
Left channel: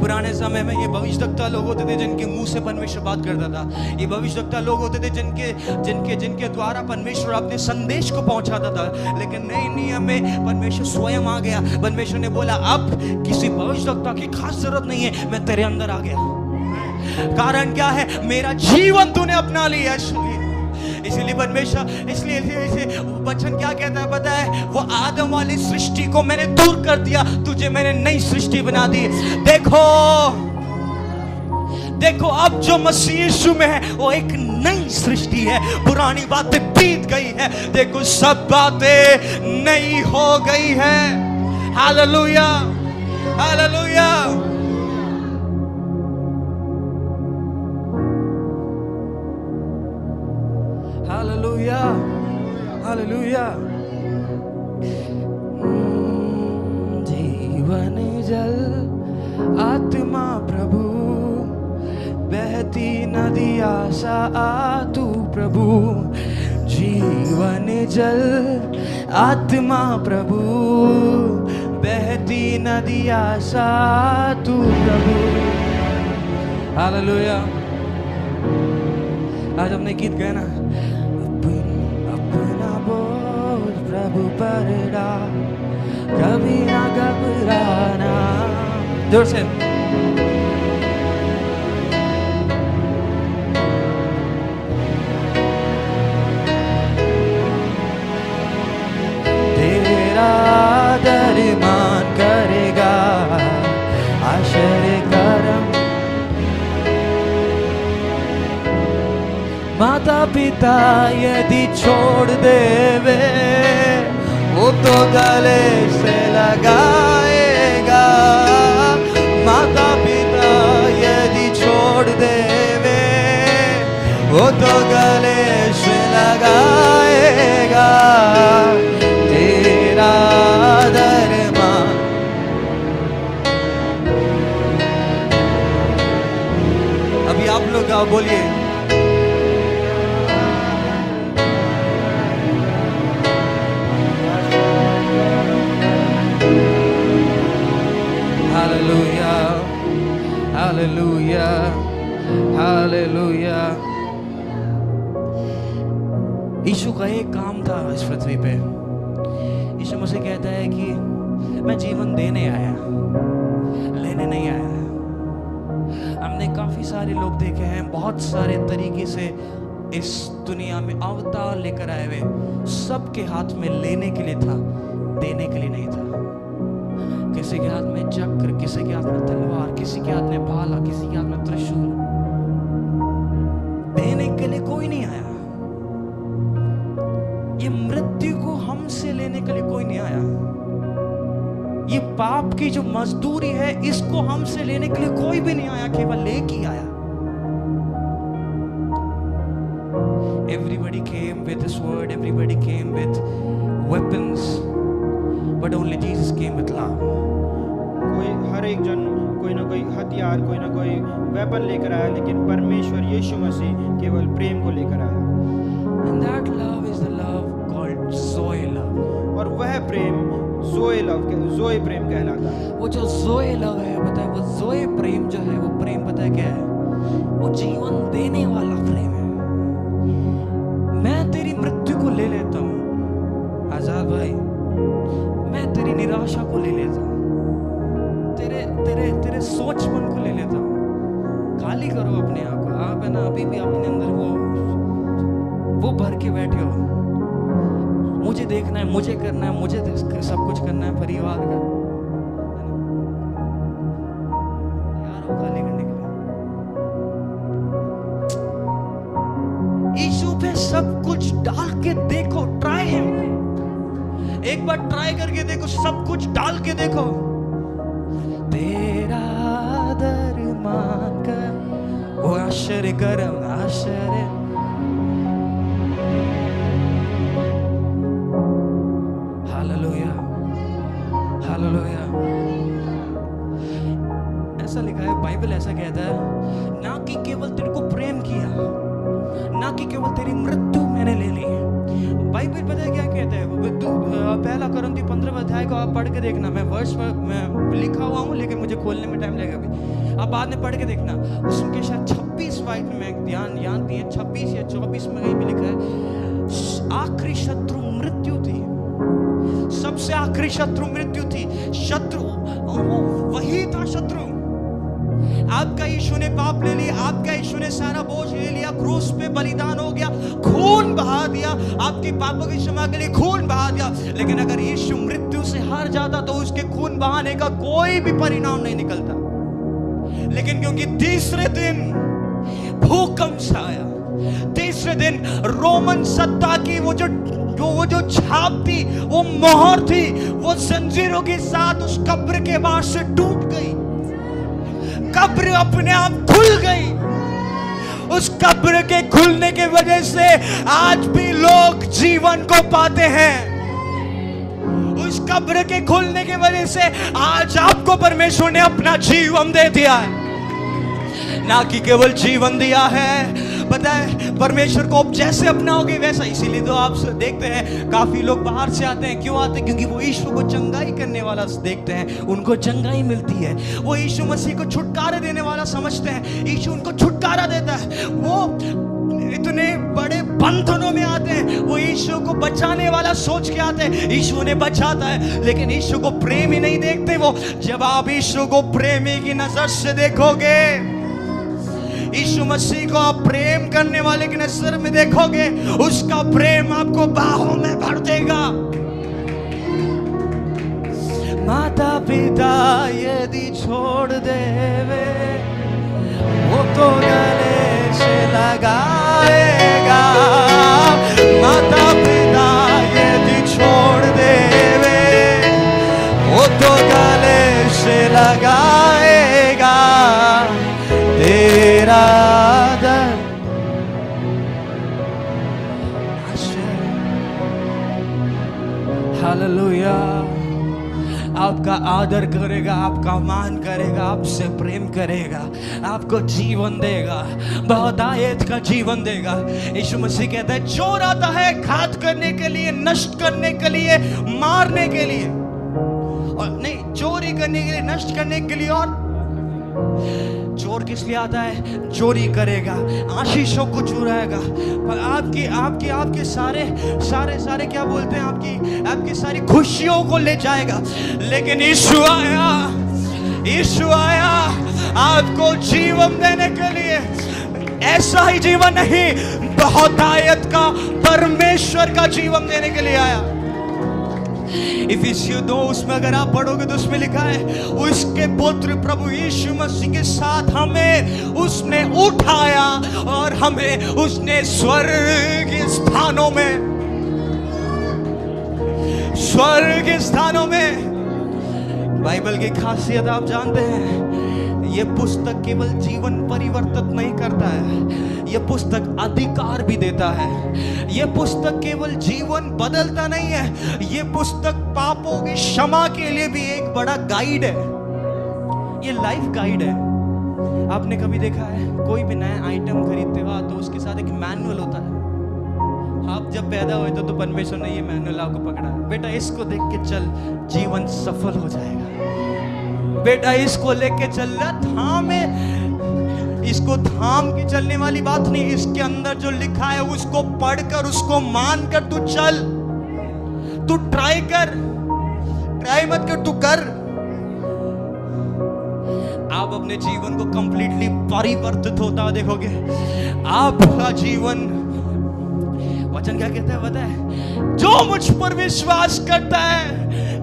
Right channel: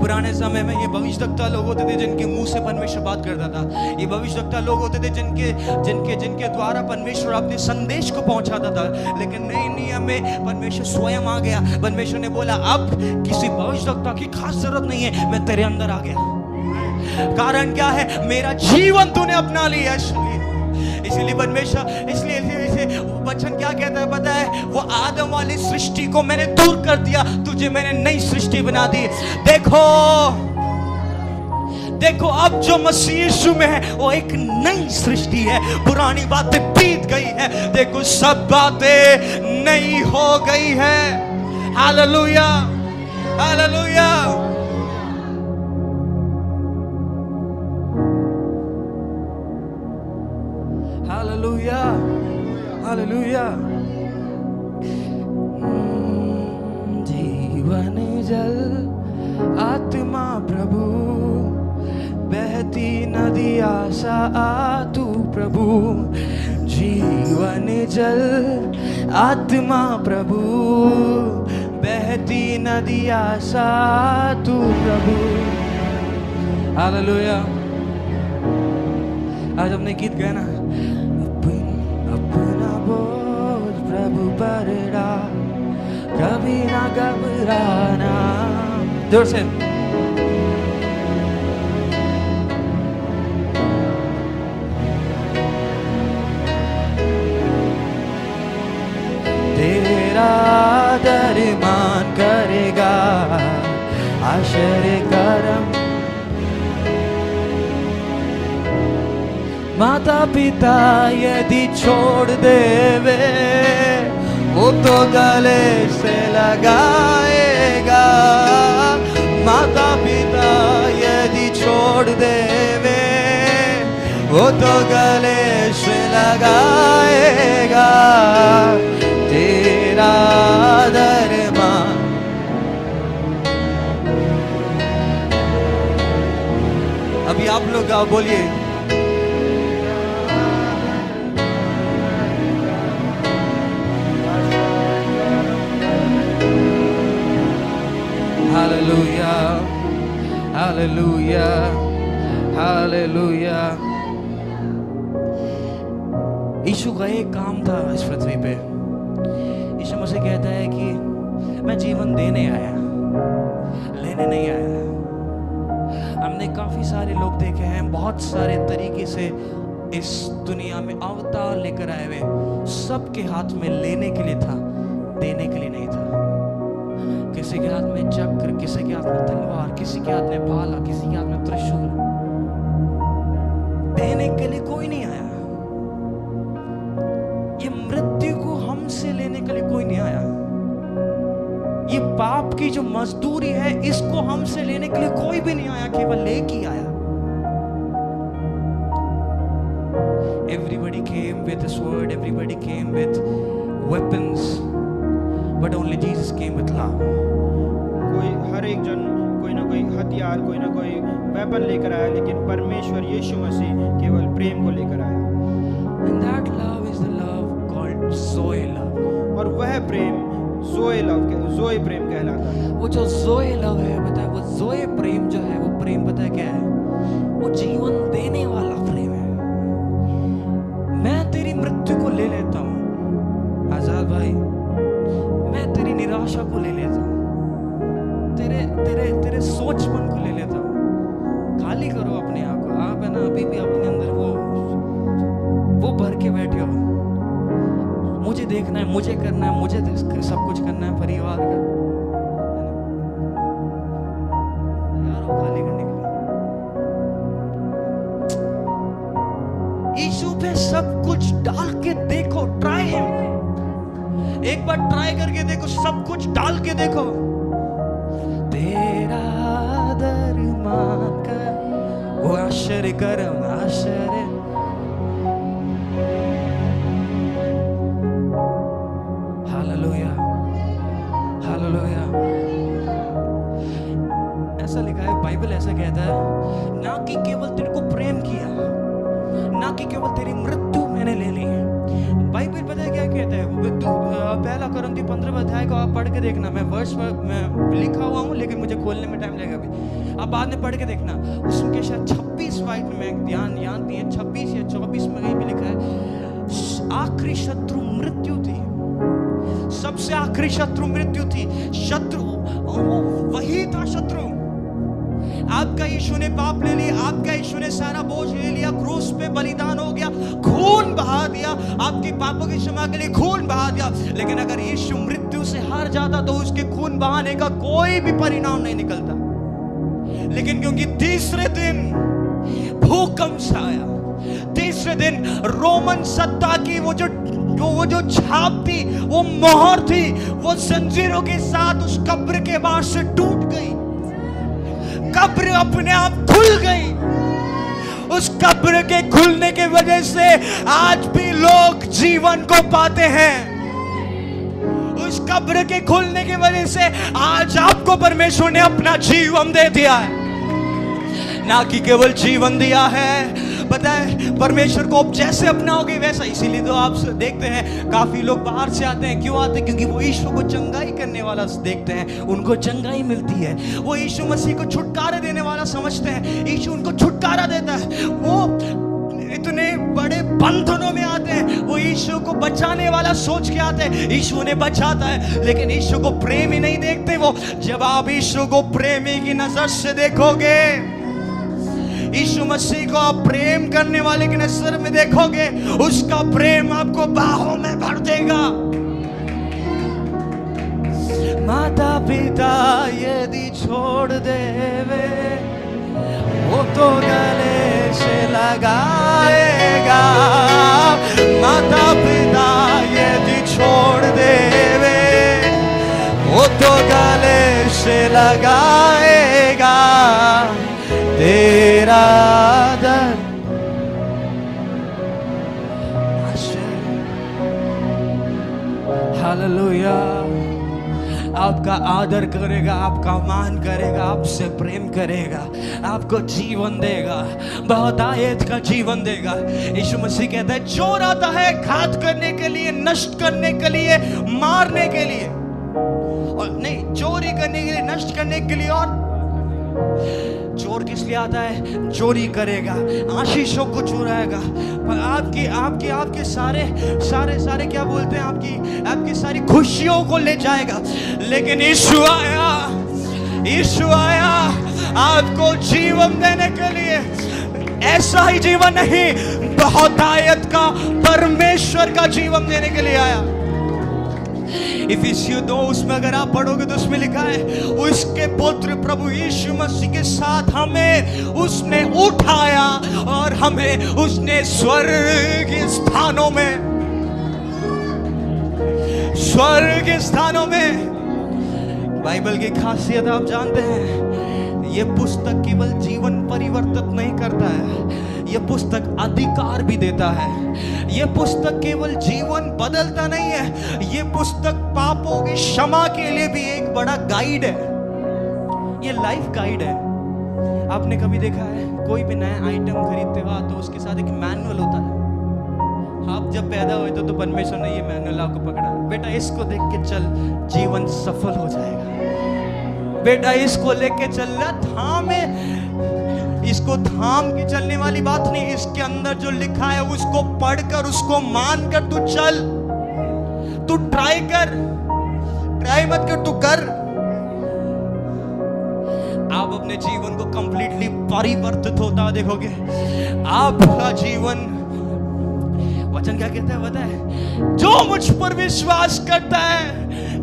पुराने समय में ये भविष्यवक्ता लोग होते थे जिनके मुंह से परमेश्वर बात करता था। ये भविष्यवक्ता लोग होते थे जिनके द्वारा परमेश्वर अपने संदेश को पहुंचाता था। लेकिन नए नियम में परमेश्वर स्वयं आ गया। परमेश्वर ने बोला अब किसी भविष्यवक्ता की खास जरूरत नहीं है, मैं तेरे अंदर आ गया। कारण क्या है? मेरा जीवन तूने अपना लिया। इसीलिए परमेश्वर, इसलिए वचन क्या कहता है पता है? वो आदम वाली सृष्टि को मैंने दूर कर दिया, तुझे मैंने नई सृष्टि बना दी। देखो अब जो मसीह यीशु में है वो एक नई सृष्टि है। पुरानी बातें बीत गई है, देखो सब बातें नई हो गई है। Hallelujah, hallelujah. Hallelujah, hallelujah. जीवन जल आत्मा प्रभु, बहती नदी आशा तू प्रभु। जीवन जल आत्मा प्रभु, बहती नदी आशा तू प्रभु। हालेलुया। आज हमने गीत गाया ना, अपना बोझ प्रभु पर डाल, कभी ना घबराना। जोर से। माता पिता यदि छोड़ देवे वो तो गले से लगाएगा। माता पिता यदि छोड़ देवे वो तो गले से लगाएगा। तेरा दरमान अभी आप लोग आओ बोलिए। Hallelujah hallelujah hallelujah. यीशु का एक काम था इस पृथ्वी पे। यीशु मसीह कहता है कि मैं जीवन देने आया, लेने नहीं आया। हमने काफी सारे लोग देखे हैं, बहुत सारे तरीके से इस दुनिया में अवतार लेकर आए हुए। सबके हाथ में लेने के लिए था, देने के लिए नहीं था। किसी के हाथ में चक्र, किसी के हाथ में तलवार, किसी के हाथ में भाला, किसी के हाथ में त्रिशूल। देने के लिए कोई नहीं आया। ये मृत्यु को हमसे लेने के लिए कोई नहीं आया। ये पाप की जो मजदूरी है इसको हमसे लेने के लिए कोई भी नहीं आया, केवल लेके ही आया। Everybody came with a sword, everybody came with weapons, but only Jesus came with love. हर एक जन कोई ना कोई हथियार, कोई ना कोई वेपन लेकर आया, लेकिन परमेश्वर यीशु मसीह केवल प्रेम को लेकर आया। And that love is the love called Zoe love. और वह प्रेम ज़ोए प्रेम कहलाता है। वो जो ज़ोए लव है, पता है वो ज़ोए प्रेम जो है, वो प्रेम पता है क्या है? वो जीवन देने वाला प्रेम है। मैं तेरी मृत्यु को ले लेता हूँ आजाद भाई, मैं तेरी निराशा को ले लेता हूँ, तेरे तेरे तेरे सोचपन को ले लेता हूँ। खाली करो अपने आप को। आप है ना अभी भी अपने अंदर वो भर के बैठे हो। मुझे देखना है, मुझे करना है, मुझे सब कुछ करना है परिवार का, तैयार हो खाली करने के लिए। यीशु पे सब कुछ डाल के देखो, ट्राई हिम। एक बार ट्राई करके देखो, सब कुछ डाल के देखो। तेरा दरमान का वो आश्चर्य करम आश्चर्य। Hallelujah hallelujah. ऐसा लिखा है, बाइबल ऐसा कहता है, ना कि केवल तेरे को प्रेम किया, ना कि केवल तेरी मृत्यु मैंने ले ली। बाइबल पता है क्या कहता है? पहला कुरिन्थी 15 अध्याय को आप पढ़ के देखना। मैं वर्ष में लिखा हुआ हूँ लेकिन मुझे खोलने में टाइम लगेगा अभी। आप बाद में पढ़ के देखना। उसके शायद 26 वाइट में मैं ध्यान याद नहीं है, 26 या 24 में कहीं भी लिखा है, आखिरी शत्रु मृत्यु थी। सबसे आखिरी शत्रु मृत्यु थी। शत्रु वो वही था शत्रु। आपका यीशु ने पाप ले लिया, आपका यीशु ने सारा बोझ ले लिया, क्रूस पे बलिदान हो गया, खून बहा दिया, आपके पापों की क्षमा के लिए खून बहा दिया। लेकिन अगर यीशु मृत्यु से हार जाता तो उसके खून बहाने का कोई भी परिणाम नहीं निकलता। लेकिन क्योंकि तीसरे दिन भूकंप आया, तीसरे दिन रोमन सत्ता की वो जो छाप थी, वो मोहर थी, वो जंजीरों के साथ उस कब्र के बाहर से टूट गई। कब्र अपने आप खुल गई। उस कब्र के खुलने के वजह से आज भी लोग जीवन को पाते हैं। उस कब्र के खुलने के वजह से आज आपको परमेश्वर ने अपना जीवन दे दिया है। ना कि केवल जीवन दिया है, पता है परमेश्वर को जैसे अपनाओगे वैसा। इसीलिए तो आप देखते हैं काफी लोग बाहर से आते हैं। क्यों आते हैं? क्योंकि वो यीशु को चंगाई करने वाला देखते हैं, उनको चंगाई मिलती है। वो यीशु मसीह को छुटकारा देने वाला समझते हैं, यीशु उनको छुटकारा देता है। वो इतने बड़े बंधनों में आते हैं, वो यीशु को बचाने वाला सोच के आते हैं, यीशु ने बचाता है। लेकिन यीशु को प्रेम ही नहीं देखते वो। जब आप यीशु को प्रेमी की नजर से देखोगे, यीशु मसीह को आप प्रेम करने वाले की नजर में देखोगे, उसका प्रेम आपको बाहों में भर देगा। माता पिता यदि छोड़ देवे वो तो गले से लगा लगाएगा। माता पिता यदि छोड़ देवे वो तो गले से लगाएगा तेरा दर्द। हालेलुया। आपका आदर करेगा, आपका मान करेगा, आपसे प्रेम करेगा, आपको जीवन देगा, बहुतायत का जीवन देगा। यीशु मसीह कहता है चोर आता है घात करने के लिए, नष्ट करने के लिए, मारने के लिए, और नहीं, चोरी करने के लिए, नष्ट करने के लिए। और चोर किस लिए आता है? चोरी करेगा, आशीषों को चुराएगा, आपकी आपकी आपके सारे सारे सारे क्या बोलते हैं, आपकी सारी खुशियों को ले जाएगा। लेकिन यीशु आया आपको जीवन देने के लिए। ऐसा ही जीवन नहीं, बहुतायत का, परमेश्वर का जीवन देने के लिए आया। इफिसियों 2 उसमें अगर आप पढ़ोगे तो उसमें लिखा है उसके पुत्र प्रभु यीशु मसीह के साथ हमें उसने उठाया और हमें उसने स्वर्ग स्थानों में। बाइबल की खासियत आप जानते हैं, ये पुस्तक केवल जीवन परिवर्तित नहीं करता है, ये पुस्तक अधिकार भी देता है। ये पुस्तक केवल जीवन बदलता नहीं है, ये पुस्तक पापों की क्षमा के लिए भी एक बड़ा गाइड है। ये लाइफ गाइड है। आपने कभी देखा है कोई भी नया आइटम खरीदते हो तो उसके साथ एक मैनुअल होता है। आप जब पैदा हुए तो परमेश्वर ने ये मैनुअल आपको पकड़ा है, बेटा इसको देख के चल, जीवन सफल हो जाएगा। बेटा इसको लेके चल रहा, थामे, इसको थाम के चलने वाली बात नहीं, इसके अंदर जो लिखा है उसको पढ़कर, उसको मानकर तू चल। तू ट्राई मत कर, तू कर। आप अपने जीवन को कंप्लीटली परिवर्तित होता देखोगे। आपका जीवन, वचन क्या कहता है पता है? जो मुझ पर विश्वास करता है,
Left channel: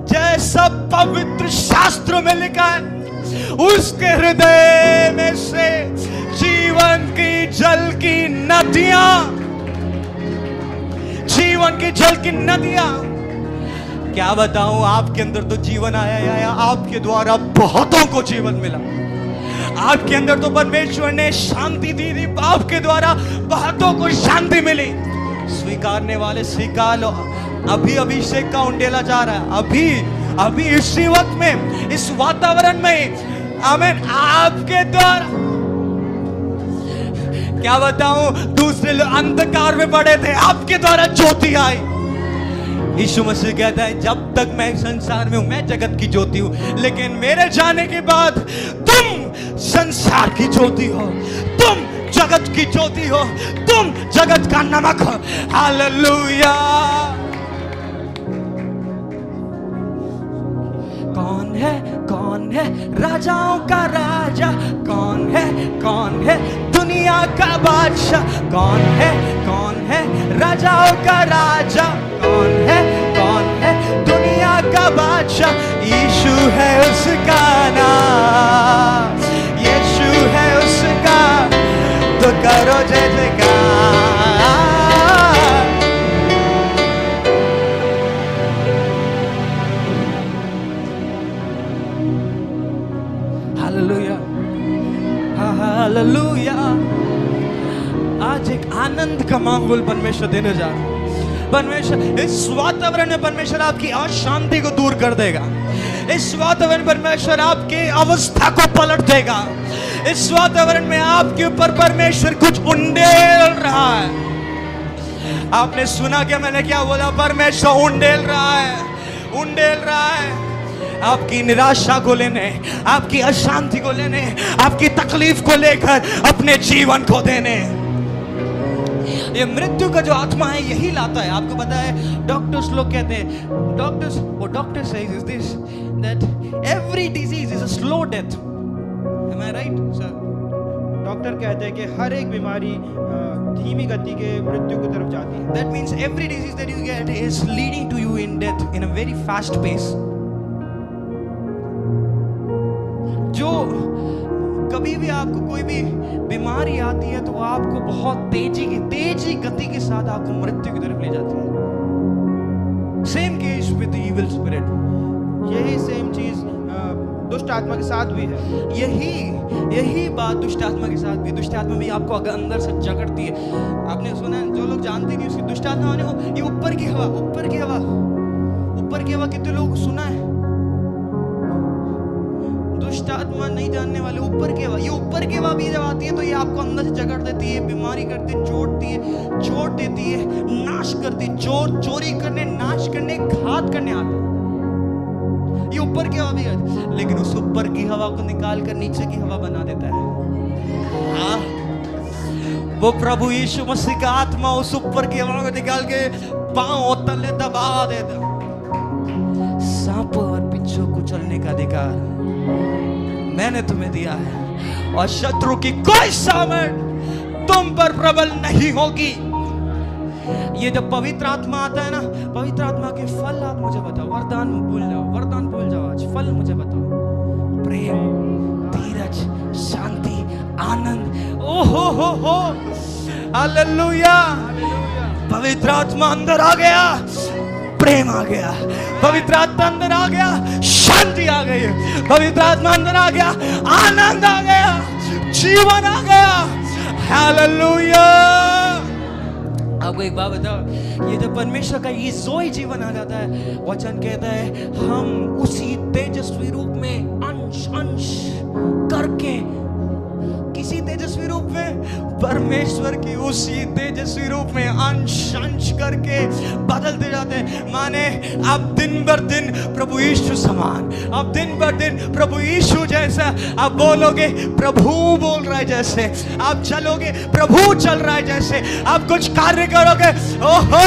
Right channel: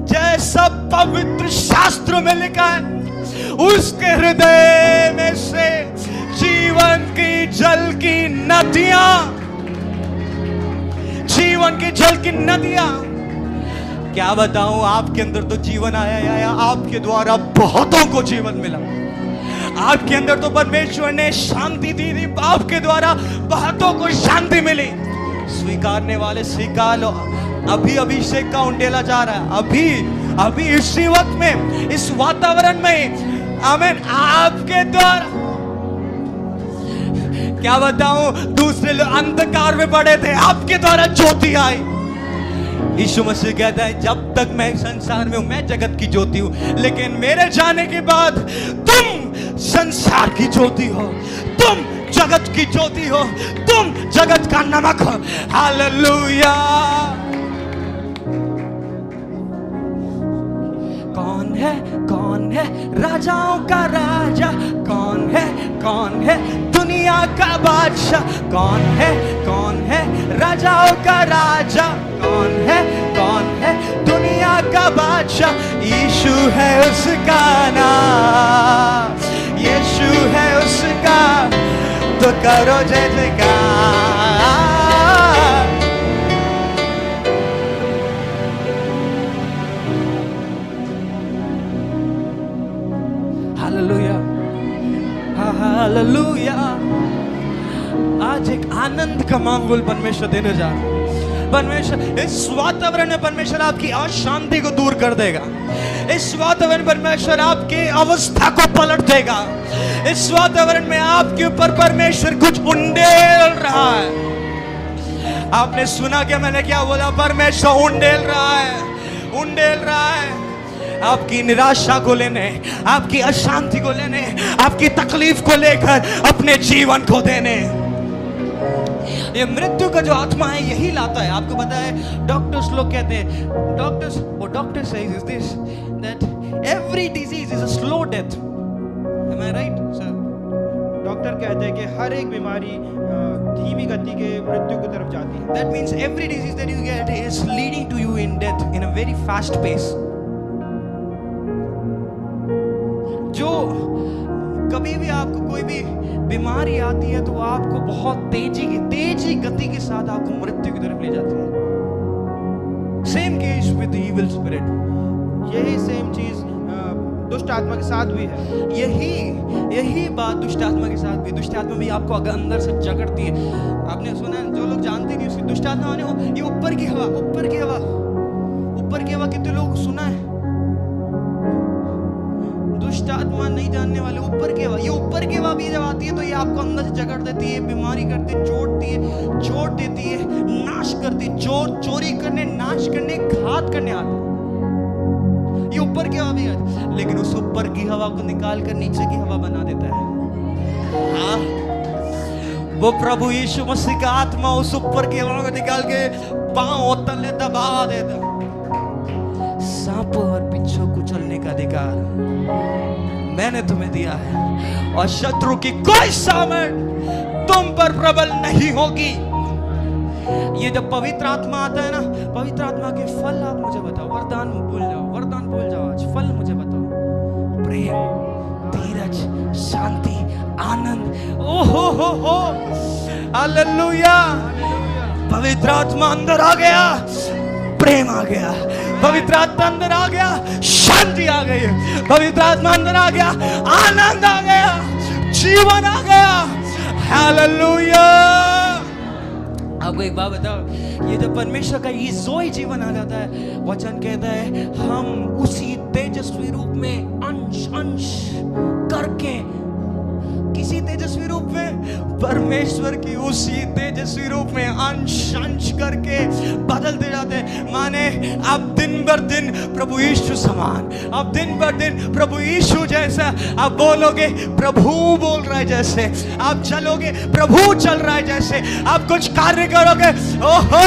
जैसा पवित्र शास्त्र में लिखा है, उसके हृदय में से जीवन की जल की नदियां। क्या बताऊं, आपके अंदर तो जीवन आया, आपके द्वारा बहुतों को जीवन मिला। आपके अंदर तो परमेश्वर ने शांति दी थी, आपके द्वारा बहुतों को शांति मिली। स्वीकारने वाले स्वीकार लो। अभी अभिषेक का उंडेला जा रहा है, अभी इसी वक्त में, इस वातावरण में। आमीन। आपके द्वारा, क्या बताऊं, दूसरे लोग अंधकार में पड़े थे, आपके द्वारा ज्योति आई। यीशु मसीह कहता है जब तक मैं संसार में हूं, मैं जगत की ज्योति हूं, लेकिन मेरे जाने के बाद तुम संसार की ज्योति हो, तुम जगत की ज्योति हो, तुम जगत का नमक हो। हालेलुया। कौन है राजाओं का राजा? कौन है दुनिया का बादशाह? कौन है राजाओं का राजा? कौन है दुनिया का बादशाह? यीशु है उसका नाम, यीशु है उसका, तो करो जय जयकार। Hallelujah, hallelujah. आज एक आनंद का माहौल परमेश्वर देने जा रहा है। परमेश्वर इस वातावरण में, परमेश्वर आपकी अशांति को दूर कर देगा। इस वातावरण परमेश्वर आपकी अवस्था को पलट देगा। इस वातावरण में आपके ऊपर परमेश्वर कुछ उंडेल रहा है। आपने सुना क्या मैंने क्या बोला? परमेश्वर उंडेल रहा है आपकी निराशा को लेने, आपकी अशांति को लेने, आपकी तकलीफ को लेकर अपने जीवन को देने। ये मृत्यु का जो आत्मा है यही लाता है। आपको पता है, डॉक्टर्स लोग कहते हैं, doctor says is this, that every disease is a slow death. Am I right sir? Doctor कहते हैं कि हर एक बीमारी धीमी गति के मृत्यु की तरफ जाती है। That means every disease that you get is leading to you in death in a very fast pace. जो कभी भी आपको कोई भी बीमारी आती है तो आपको बहुत तेजी गति के साथ आपको मृत्यु की तरफ ले जाती है। Same case with evil spirit, यही सेम चीज दुष्ट आत्मा के साथ भी है। यही बात दुष्ट आत्मा के साथ भी। दुष्ट आत्मा भी आपको अगर अंदर से जकड़ती है। आपने सुना है, जो लोग जानते नहीं उसकी दुष्ट आत्मा माने ये ऊपर की हवा कितने लोग सुना है? दुष्ट आत्मा नहीं जानने वाले, ऊपर की हवा। ये ऊपर की हवा भी जब आती है तो ये आपको अंदर से जकड़ देती है, बीमारी करती है, चोट देती है, नाश करती है। चोरी करने, नाश करने, घात करने आता है। ये ऊपर की हवा भी है, लेकिन उस ऊपर की हवा को निकाल कर नीचे की हवा बना देता है। हाँ, वो प्रभु यीशु मसीह का आत्मा उस ऊपर की हवा को निकाल के पांव तले दबा देता। सांप और बिच्छू को चलने का अधिकार मैंने तुम्हें दिया है, और शत्रु की कोई सामर्थ तुम पर प्रबल नहीं होगी। ये जब पवित्र आत्मा आता है ना, पवित्र आत्मा के फल आप मुझे बताओ। वरदान भूल जाओ आज। फल मुझे बताओ। प्रेम, धीरज, शांति, आनंद। ओहो हो, हालेलुया। पवित्र आत्मा अंदर आ गया, प्रेम आ गया। पवित्र आत्मा अंदर आ गया, शांति आ गई। पवित्र आत्मा अंदर आ गया, आनंद आ गया, जीवन आ गया। हालेलुया। आपको एक बात बताओ, ये जब परमेश्वर का ये जोई जीवन आ जाता है, वचन कहता है हम उसी तेजस्वी रूप में अंश करके, किसी तेजस्वी रूप में, परमेश्वर की उसी तेजस्वी रूप में अंश करके बदलते जाते हैं। माने अब दिन बर दिन प्रभु यीशु समान, अब दिन बर दिन प्रभु यीशु जैसा आप बोलोगे, प्रभु बोल रहा है जैसे आप चलोगे, प्रभु चल रहा है जैसे आप कुछ कार्य करोगे। ओहो,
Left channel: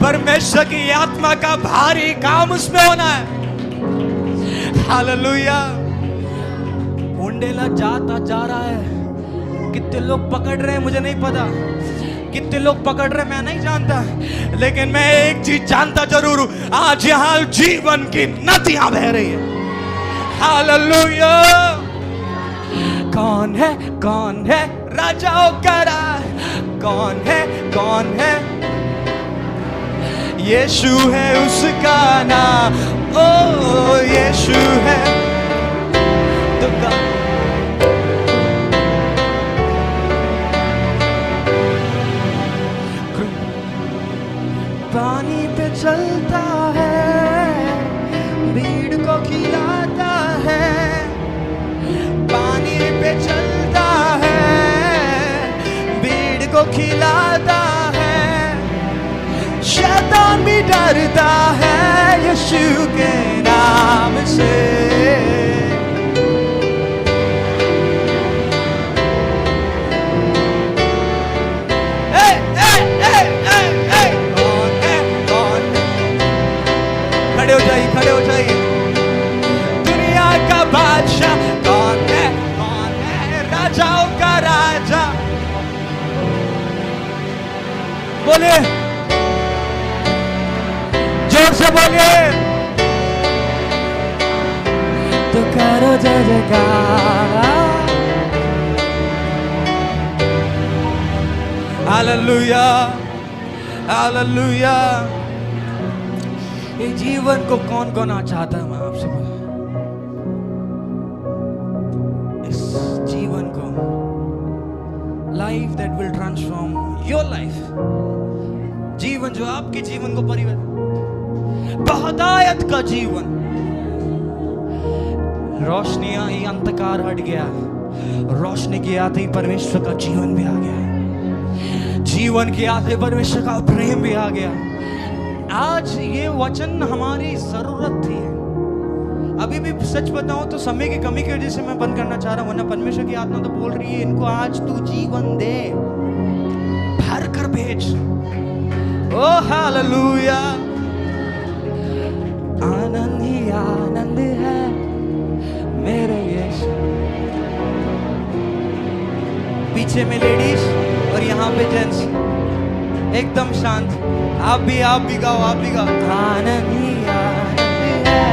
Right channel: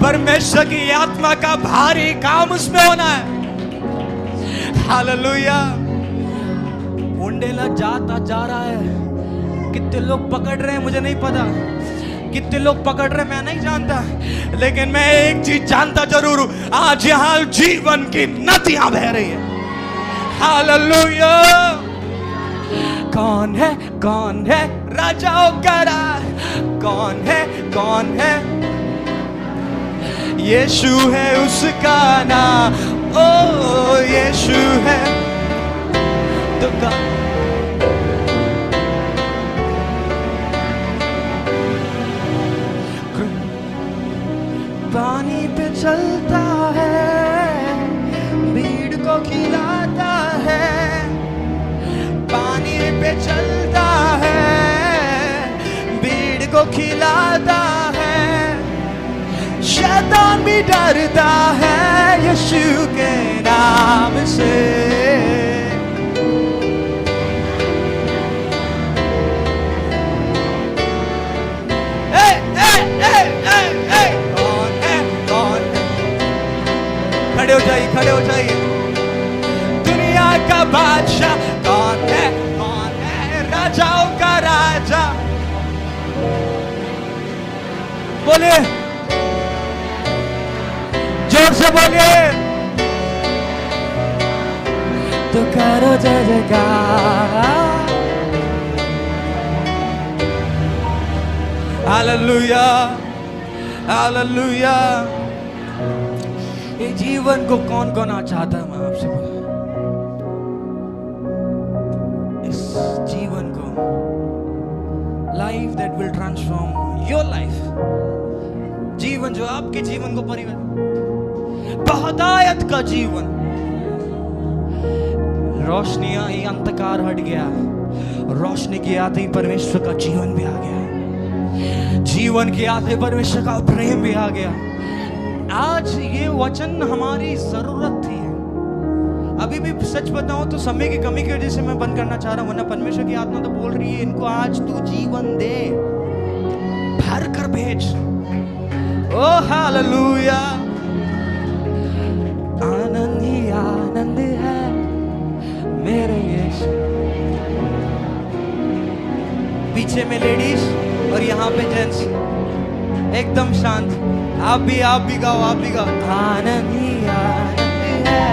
परमेश्वर की आत्मा का भारी काम उसमें होना है। हालेलुया। उंडेला जाता जा रहा है। कितने लोग पकड़ रहे हैं मुझे नहीं पता, कितने लोग पकड़ रहे हैं मैं नहीं जानता, लेकिन मैं एक चीज जानता जरूर हूं, आज यहां जीवन की नदियां बह रही है। हालेलुया। कौन है राजाओं का राज? कौन है? यीशु है उसका नाम। ओ यीशु है तो पानी पे चलता है, भीड़ को खिलाता है। पानी पे चलता है, भीड़ को खिलाता है। शैतान भी डरता है यीशु के नाम से। खड़े हो जाइए। दुनिया का बादशाह कौन है? राजाओं का राजा। बोलिए, जोर से बोलिए तो करो जय जयकार। Hallelujah, hallelujah. ये जीवन को कौन कौन चाहता है? मैं आपसे बोला, इस जीवन को, life that will transform your life, जीवन जो आपके जीवन को परिवर्तन, बहुतायत का जीवन। रोशनी आई, अंधकार हट गया, रोशनी के आते ही परमेश्वर का जीवन भी आ गया, जीवन के आते परमेश्वर का प्रेम भी आ गया। आज ये वचन हमारी जरूरत थी। अभी भी सच बताऊं तो समय की कमी की वजह से मैं बंद करना चाह रहा हूं, वरना परमेश्वर की आत्मा तो बोल रही है इनको आज तू जीवन दे, भर कर भेज। ओ हालेलुया। आनंद ही आनंद है मेरे यीशु। पीछे में लेडीज और यहाँ पे जेंट्स, एकदम शांत। आप भी गाओ, आप भी गाओ। आनंद ही आनंद है।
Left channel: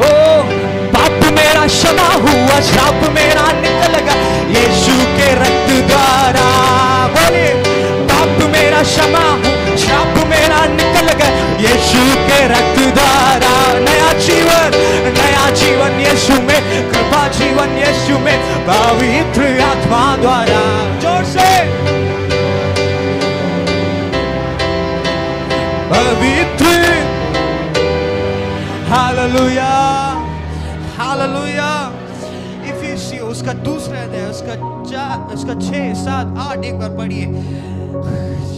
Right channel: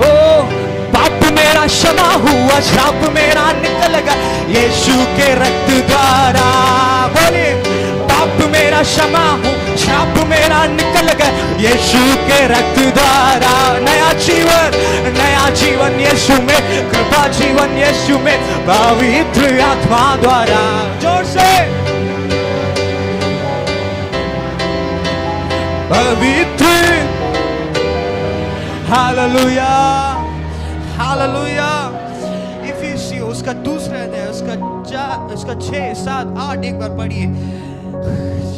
ओ मेरा क्षमा हुआ, श्राप मेरा निकल गया यीशु के रक्त द्वारा। बोलिए, पाप मेरा क्षमा हो, श्राप मेरा निकल गया यीशु के रक्त द्वारा। नया जीवन यीशु में, कृपा जीवन यीशु में, पवित्र आत्मा द्वारा। जोर से पवित्र। Hallelujah, hallelujah. इफिसियों उसका दूसरा अध्याय, उसका 6, 7, 8 एक बार पढ़िए।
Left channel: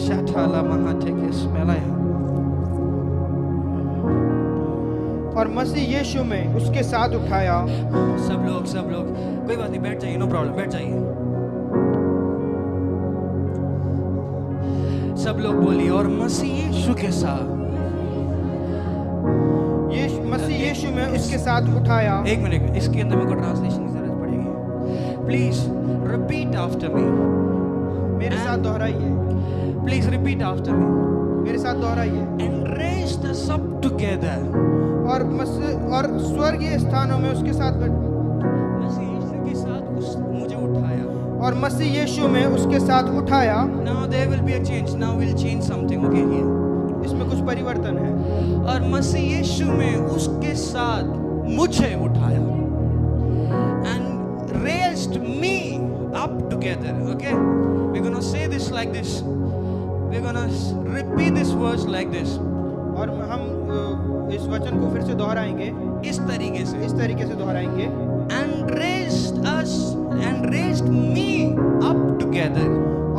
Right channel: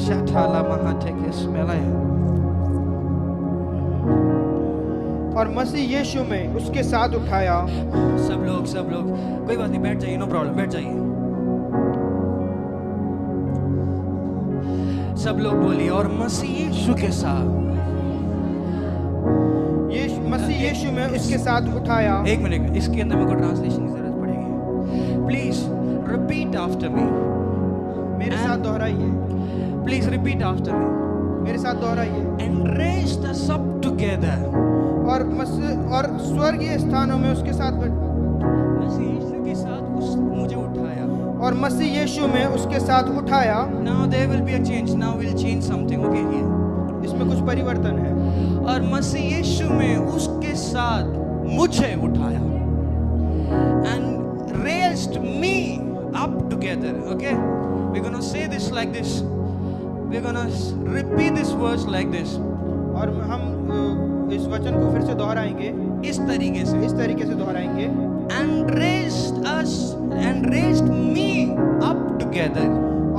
शठाला महाटे के स्मेलाया। और मसीह यीशु में उसके साथ उठाया। सब लोग कोई बात नहीं, बैठ जाइए, नो प्रॉब्लम, बैठ जाइए। सब लोग बोलिए, और मसीह यीशु के साथ, मसीह यीशु में उसके साथ उठाया। एक मिनट, इसके अंदर मेरे को ट्रांसलेशन की जरूरत पड़ेगी। प्लीज रिपीट आफ्टर मी, मेरे साथ दोहराइए। प्लीज रिपीट आफ्टर मी, मेरे साथ दोहराइए। एंड रेज द सब टुगेदर। और स्वर्गीय स्थानों में उसके साथ मसीह यीशु के साथ मुझे उठाया। और मसीह यीशु में उसके साथ उठाया। Now there will be a change. Now we'll change something. Okay here. इसमें कुछ परिवर्तन है। और मसीह यीशु में उसके साथ मुझे उठाया। And raised me up together. Okay? We're gonna say this like this. We're gonna repeat this verse like this. और हम इस वचन को फिर से दोहराएंगे। इस तरीके से दोहराएंगे। And raised us and raised me up together.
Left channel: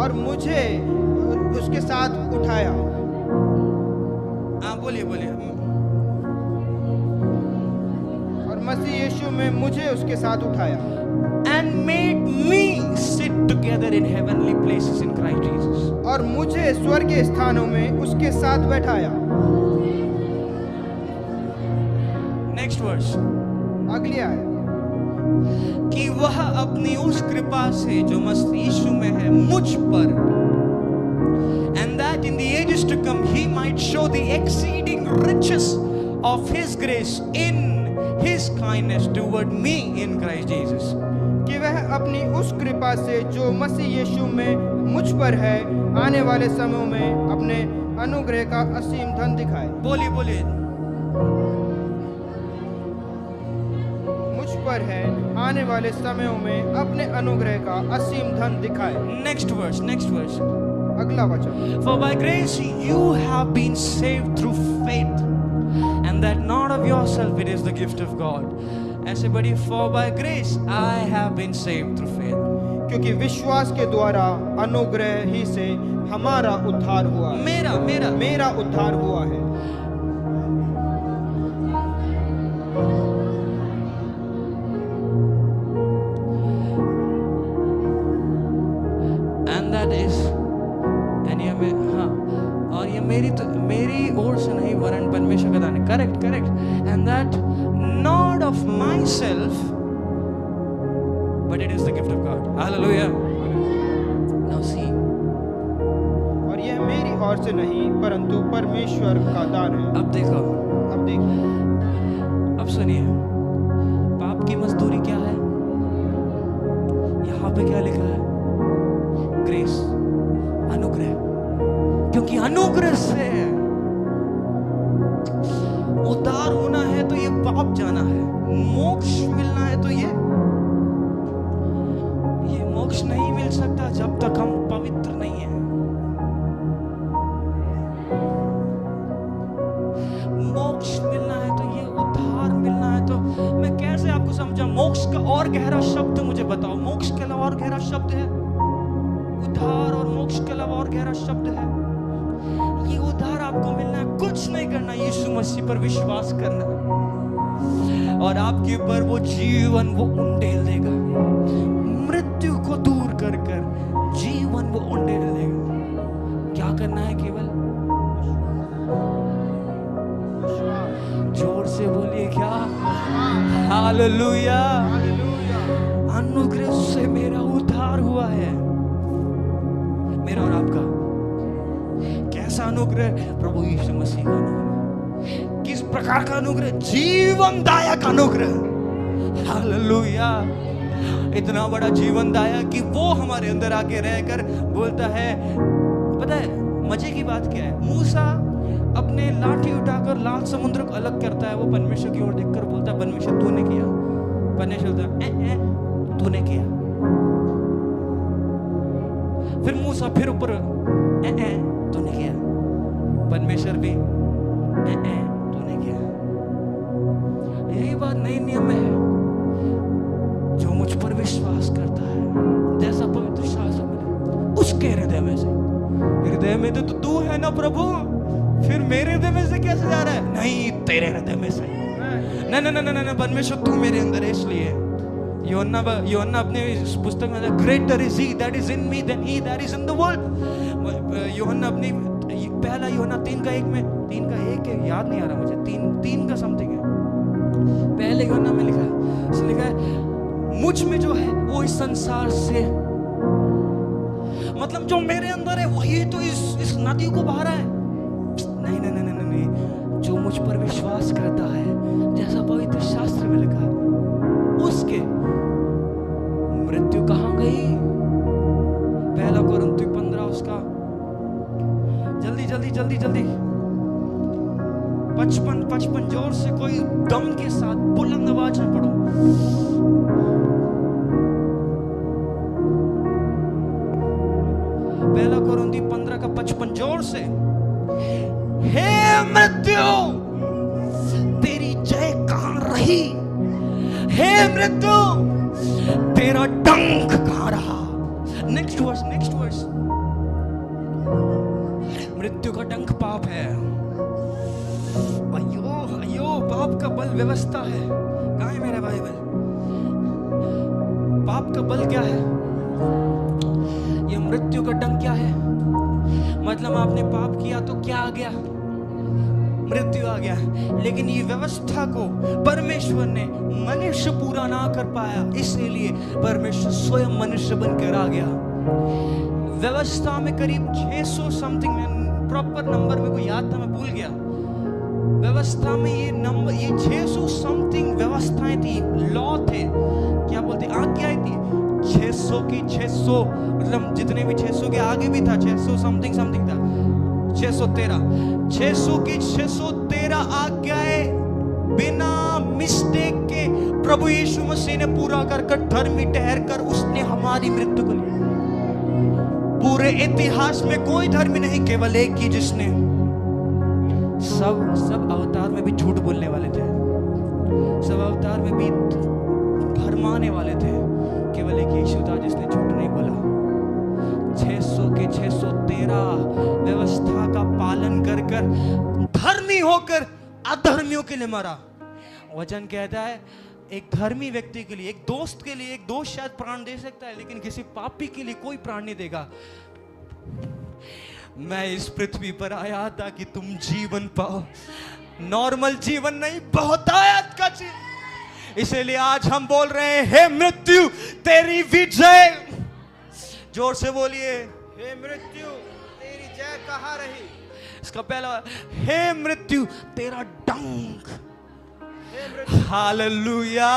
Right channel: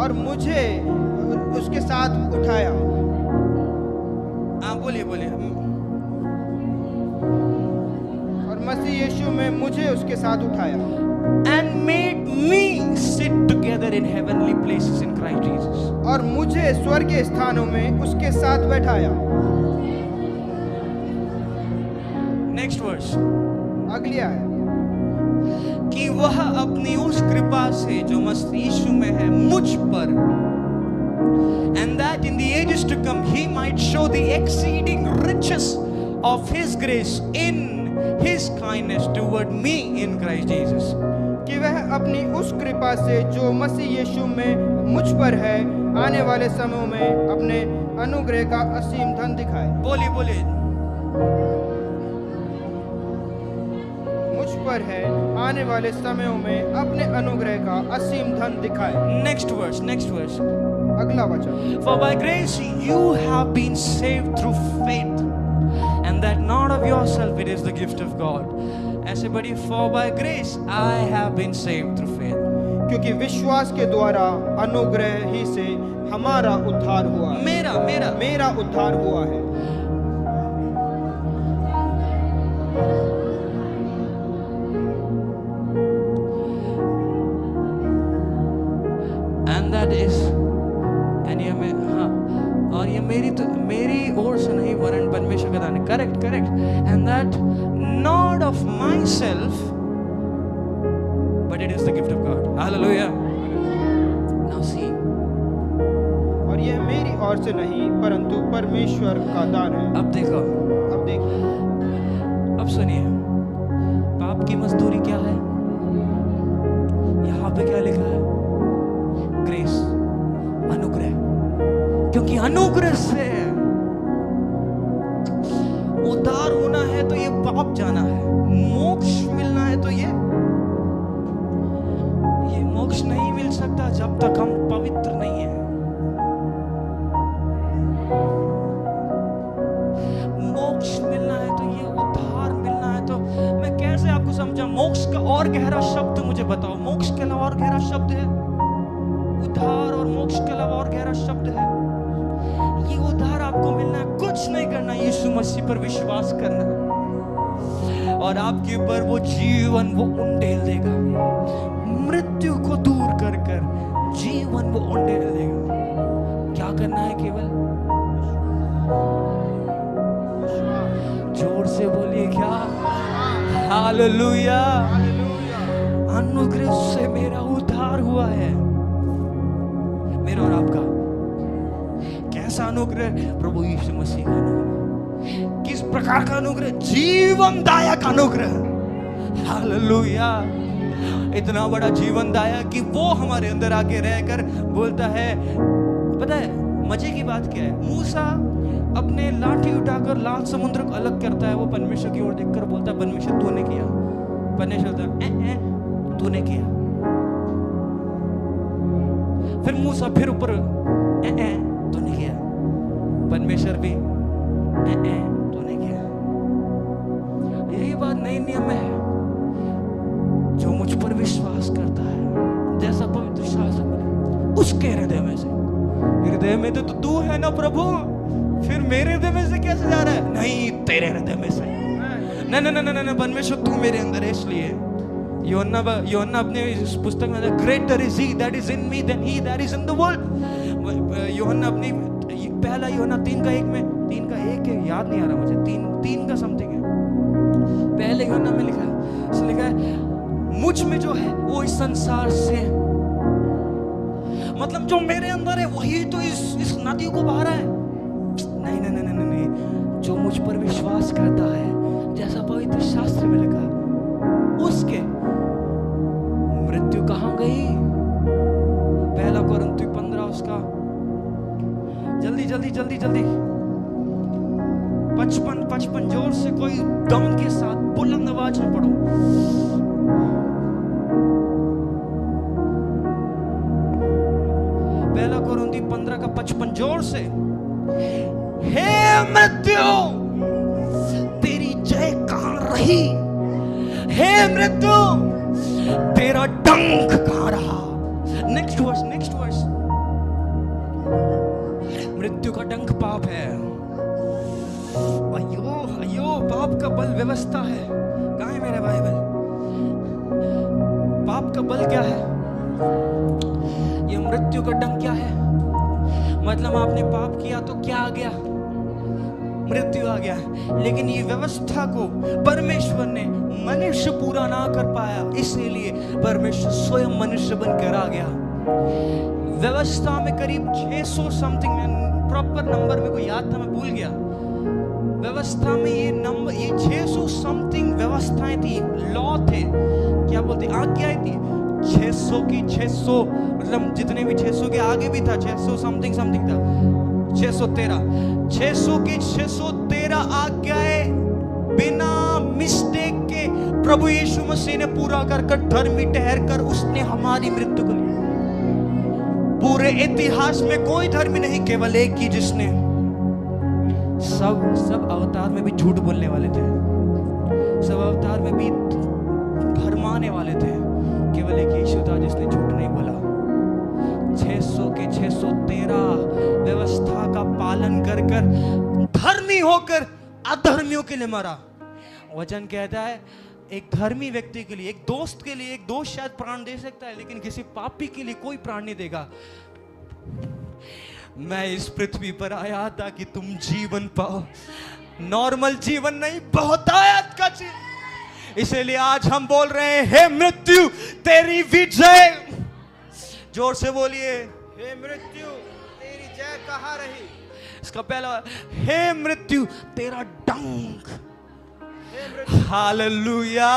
और मुझे उसके साथ उठाया। हाँ बोलिए। और मसीह यीशु में मुझे उसके साथ उठाया। And made me sit together in heavenly places in Christ Jesus. और मुझे स्वर्गीय स्थानों में उसके साथ बैठाया। Next verse. अगली आयत। कि वह अपनी उस कृपा से जो मसीह यीशु में है मुझ पर, and that in the ages to come he might show the exceeding riches of his grace in his kindness toward me in Christ Jesus. कि वह अपनी उस कृपा से जो मसीह यीशु में मुझ पर है आने वाले समयों में अपने अनुग्रह का असीम धन दिखाए। बोलिए। मुझ पर है आने वाले समयों में अपने अनुग्रह का असीम धन दिखाए। Next verse. अगला वचन। For by grace you have been saved through faith, and that not of yourself, it is the gift of God. ऐसे बड़ी, for by grace I have been saved through faith. क्योंकि विश्वास के द्वारा अनुग्रह ही से हमारा उद्धार हुआ। मेरा उद्धार हुआ है। And that is, and ये और ये मेरी ओर से नहीं वरन परमेश्वर का दान है। Correct. And that not of myself, but it is the gift of God. Hallelujah. Now see. और यह मेरी ओर से नहीं परंतु परमेश्वर का दान है। अब देखो। अब सुनिए, पाप की मजदूरी क्या है? यहाँ पे क्या लिखा है? ग्रेस, अनुग्रह। क्योंकि अनुग्रह से उद्धार होना है तो ये पाप जाना है, मोक्ष मिलना है तो ये मोक्ष नहीं मिल सकता जब तक हम पवित्र नहीं हैं। मोक्ष मिलना है तो ये उद्धार मिलना है तो मैं कैसे आपको समझा? मोक्ष का और गहरा शब्द मुझे बताओ। मोक्ष के अलावा और गहरा शब्द है? उद्धार और मोक्ष के अलावा और गहरा शब्द है? ये उद्धार आपको मिलना है, कुछ नहीं करना, यीशु मसीह पर विश्वास करना और आपके ऊपर वो जीवन वो उंडेल देगा। मृत्यु को दूर कर जीवन वो उंडेल देगा। क्या करना है? केवल जोर से बोलिए क्या? हालेलुया। अनुग्रह से मेरा उद्धार हुआ है। मेरा और आपका कैसा अनुग्रह? प्रभु यीशु मसीह का अनुग्रह। किस प्रकार का अनुग्रह? जीवनदायक अनुग्रह। हालेलुया। इतना बड़ा जीवन दाया कि वो हमारे अंदर आके रहकर बोलता है। पता है मजे की बात क्या है? मूसा अपने लाठी उठाकर लाल समुद्र को अलग करता है। वो परमेश्वर की ओर देखकर बोलता है, परमेश्वर तूने किया। परमेश्वर बोलता तूने किया। फिर मूसा फिर ऊपर तूने किया। परमेश्वर भी तूने किया। यही बात नए नियम में है। जो मुझ पर विश्वास करता है, जैसा पवित्र शास्त्र में, उसके हृदय में से। हृदय में तो तू है ना प्रभु, फिर मेरे हृदय में से कैसे जा रहा है? नहीं, तेरे हृदय में से। नहीं नहीं नहीं नहीं, परमेश्वर तू मेरे अंदर है। इसलिए यूहन्ना अपने इस पुस्तक में, greater is he that is in me than he that is in the world. यूहन्ना अपनी पहला यूहन्ना 3:1 में, 3:1 है, याद नहीं आ रहा मुझे, 3 का समथिंग है। पहले यूहन्ना में लिखा है, उसने लिखा है मुझ में जो है वो इस संसार से, मतलब जो मेरे अंदर है वही तो इस नदी को बहा रहा है। नहीं नहीं नहीं नहीं नहीं, जो मुझ पर विश्वास करता है, जैसा पवित्र शास्त्र में लिखा है, उसके मृत्यु कहां गई? पहला कोरिन्थियों 15 उसका, जल्दी जल्दी जल्दी जल्दी 55 जोर से कोई दम के साथ बुलंद आवाज में पढ़ो। पहला कोरिन्थियों 15 का 55 जोर से। हे मृत्यु तेरी जय कहां रही? हे मृत्यु तेरा डंक कहां रहा? Next verse, next verse. मृत्यु का डंक पाप है। अयो अयो, पाप का बल व्यवस्था है। कहां है मेरा बाइबल? पाप का बल क्या है? ये मृत्यु का डंक क्या है? मतलब आपने पाप किया तो क्या आ गया? मृत्यु आ गया। लेकिन ये व्यवस्था को परमेश्वर ने, मनुष्य पूरा ना कर पाया, इसीलिए परमेश्वर स्वयं मनुष्य बनकर आ गया। व्यवस्था में करीब 600 समथिंग, में प्रॉपर नंबर मेरे को याद था, मैं भूल गया। व्यवस्था में ये नंबर, ये 600 समथिंग व्यवस्थाएं थी, लॉ थे, क्या बोलते, आज्ञाएं थी। 600 की 600, मतलब जितने भी 600 के आगे भी था, 600 समथिंग समथिंग था, 600 की 613 आज्ञाएं बिना मिस्टेक के प्रभु यीशु मसीह ने पूरा कर धर्मी ठहर कर उसने हमारी मृत्यु को ली। पूरे इतिहास में कोई धर्मी नहीं, केवल एक ही जिसने, सब अवतार में भी झूठ बोलने वाले थे, सब अवतार में भी भरमाने वाले थे, केवल एक यीशु था जिसने झूठ नहीं बोला। 600 के 613 व्यवस्था का पालन कर धर्मी होकर अधर्मियों के लिए मरा। वचन कहता है एक धर्मी व्यक्ति के लिए, एक दोस्त के लिए, एक दोस्त शायद प्राण दे सकता है, लेकिन किसी पापी के लिए कोई प्राण नहीं देगा। मैं इस पृथ्वी पर आया ताकि तुम जीवन पाओ, नॉर्मल जीवन नहीं, बहुतायत का जीवन। इसलिए आज हम बोल रहे हैं, हे मृत्यु तेरी विजय। जोर से बोलिए, हे मृत्यु तेरी जय कहाँ रही? इसका पहला, हे मृत्यु तेरा डंक। हालेलुया।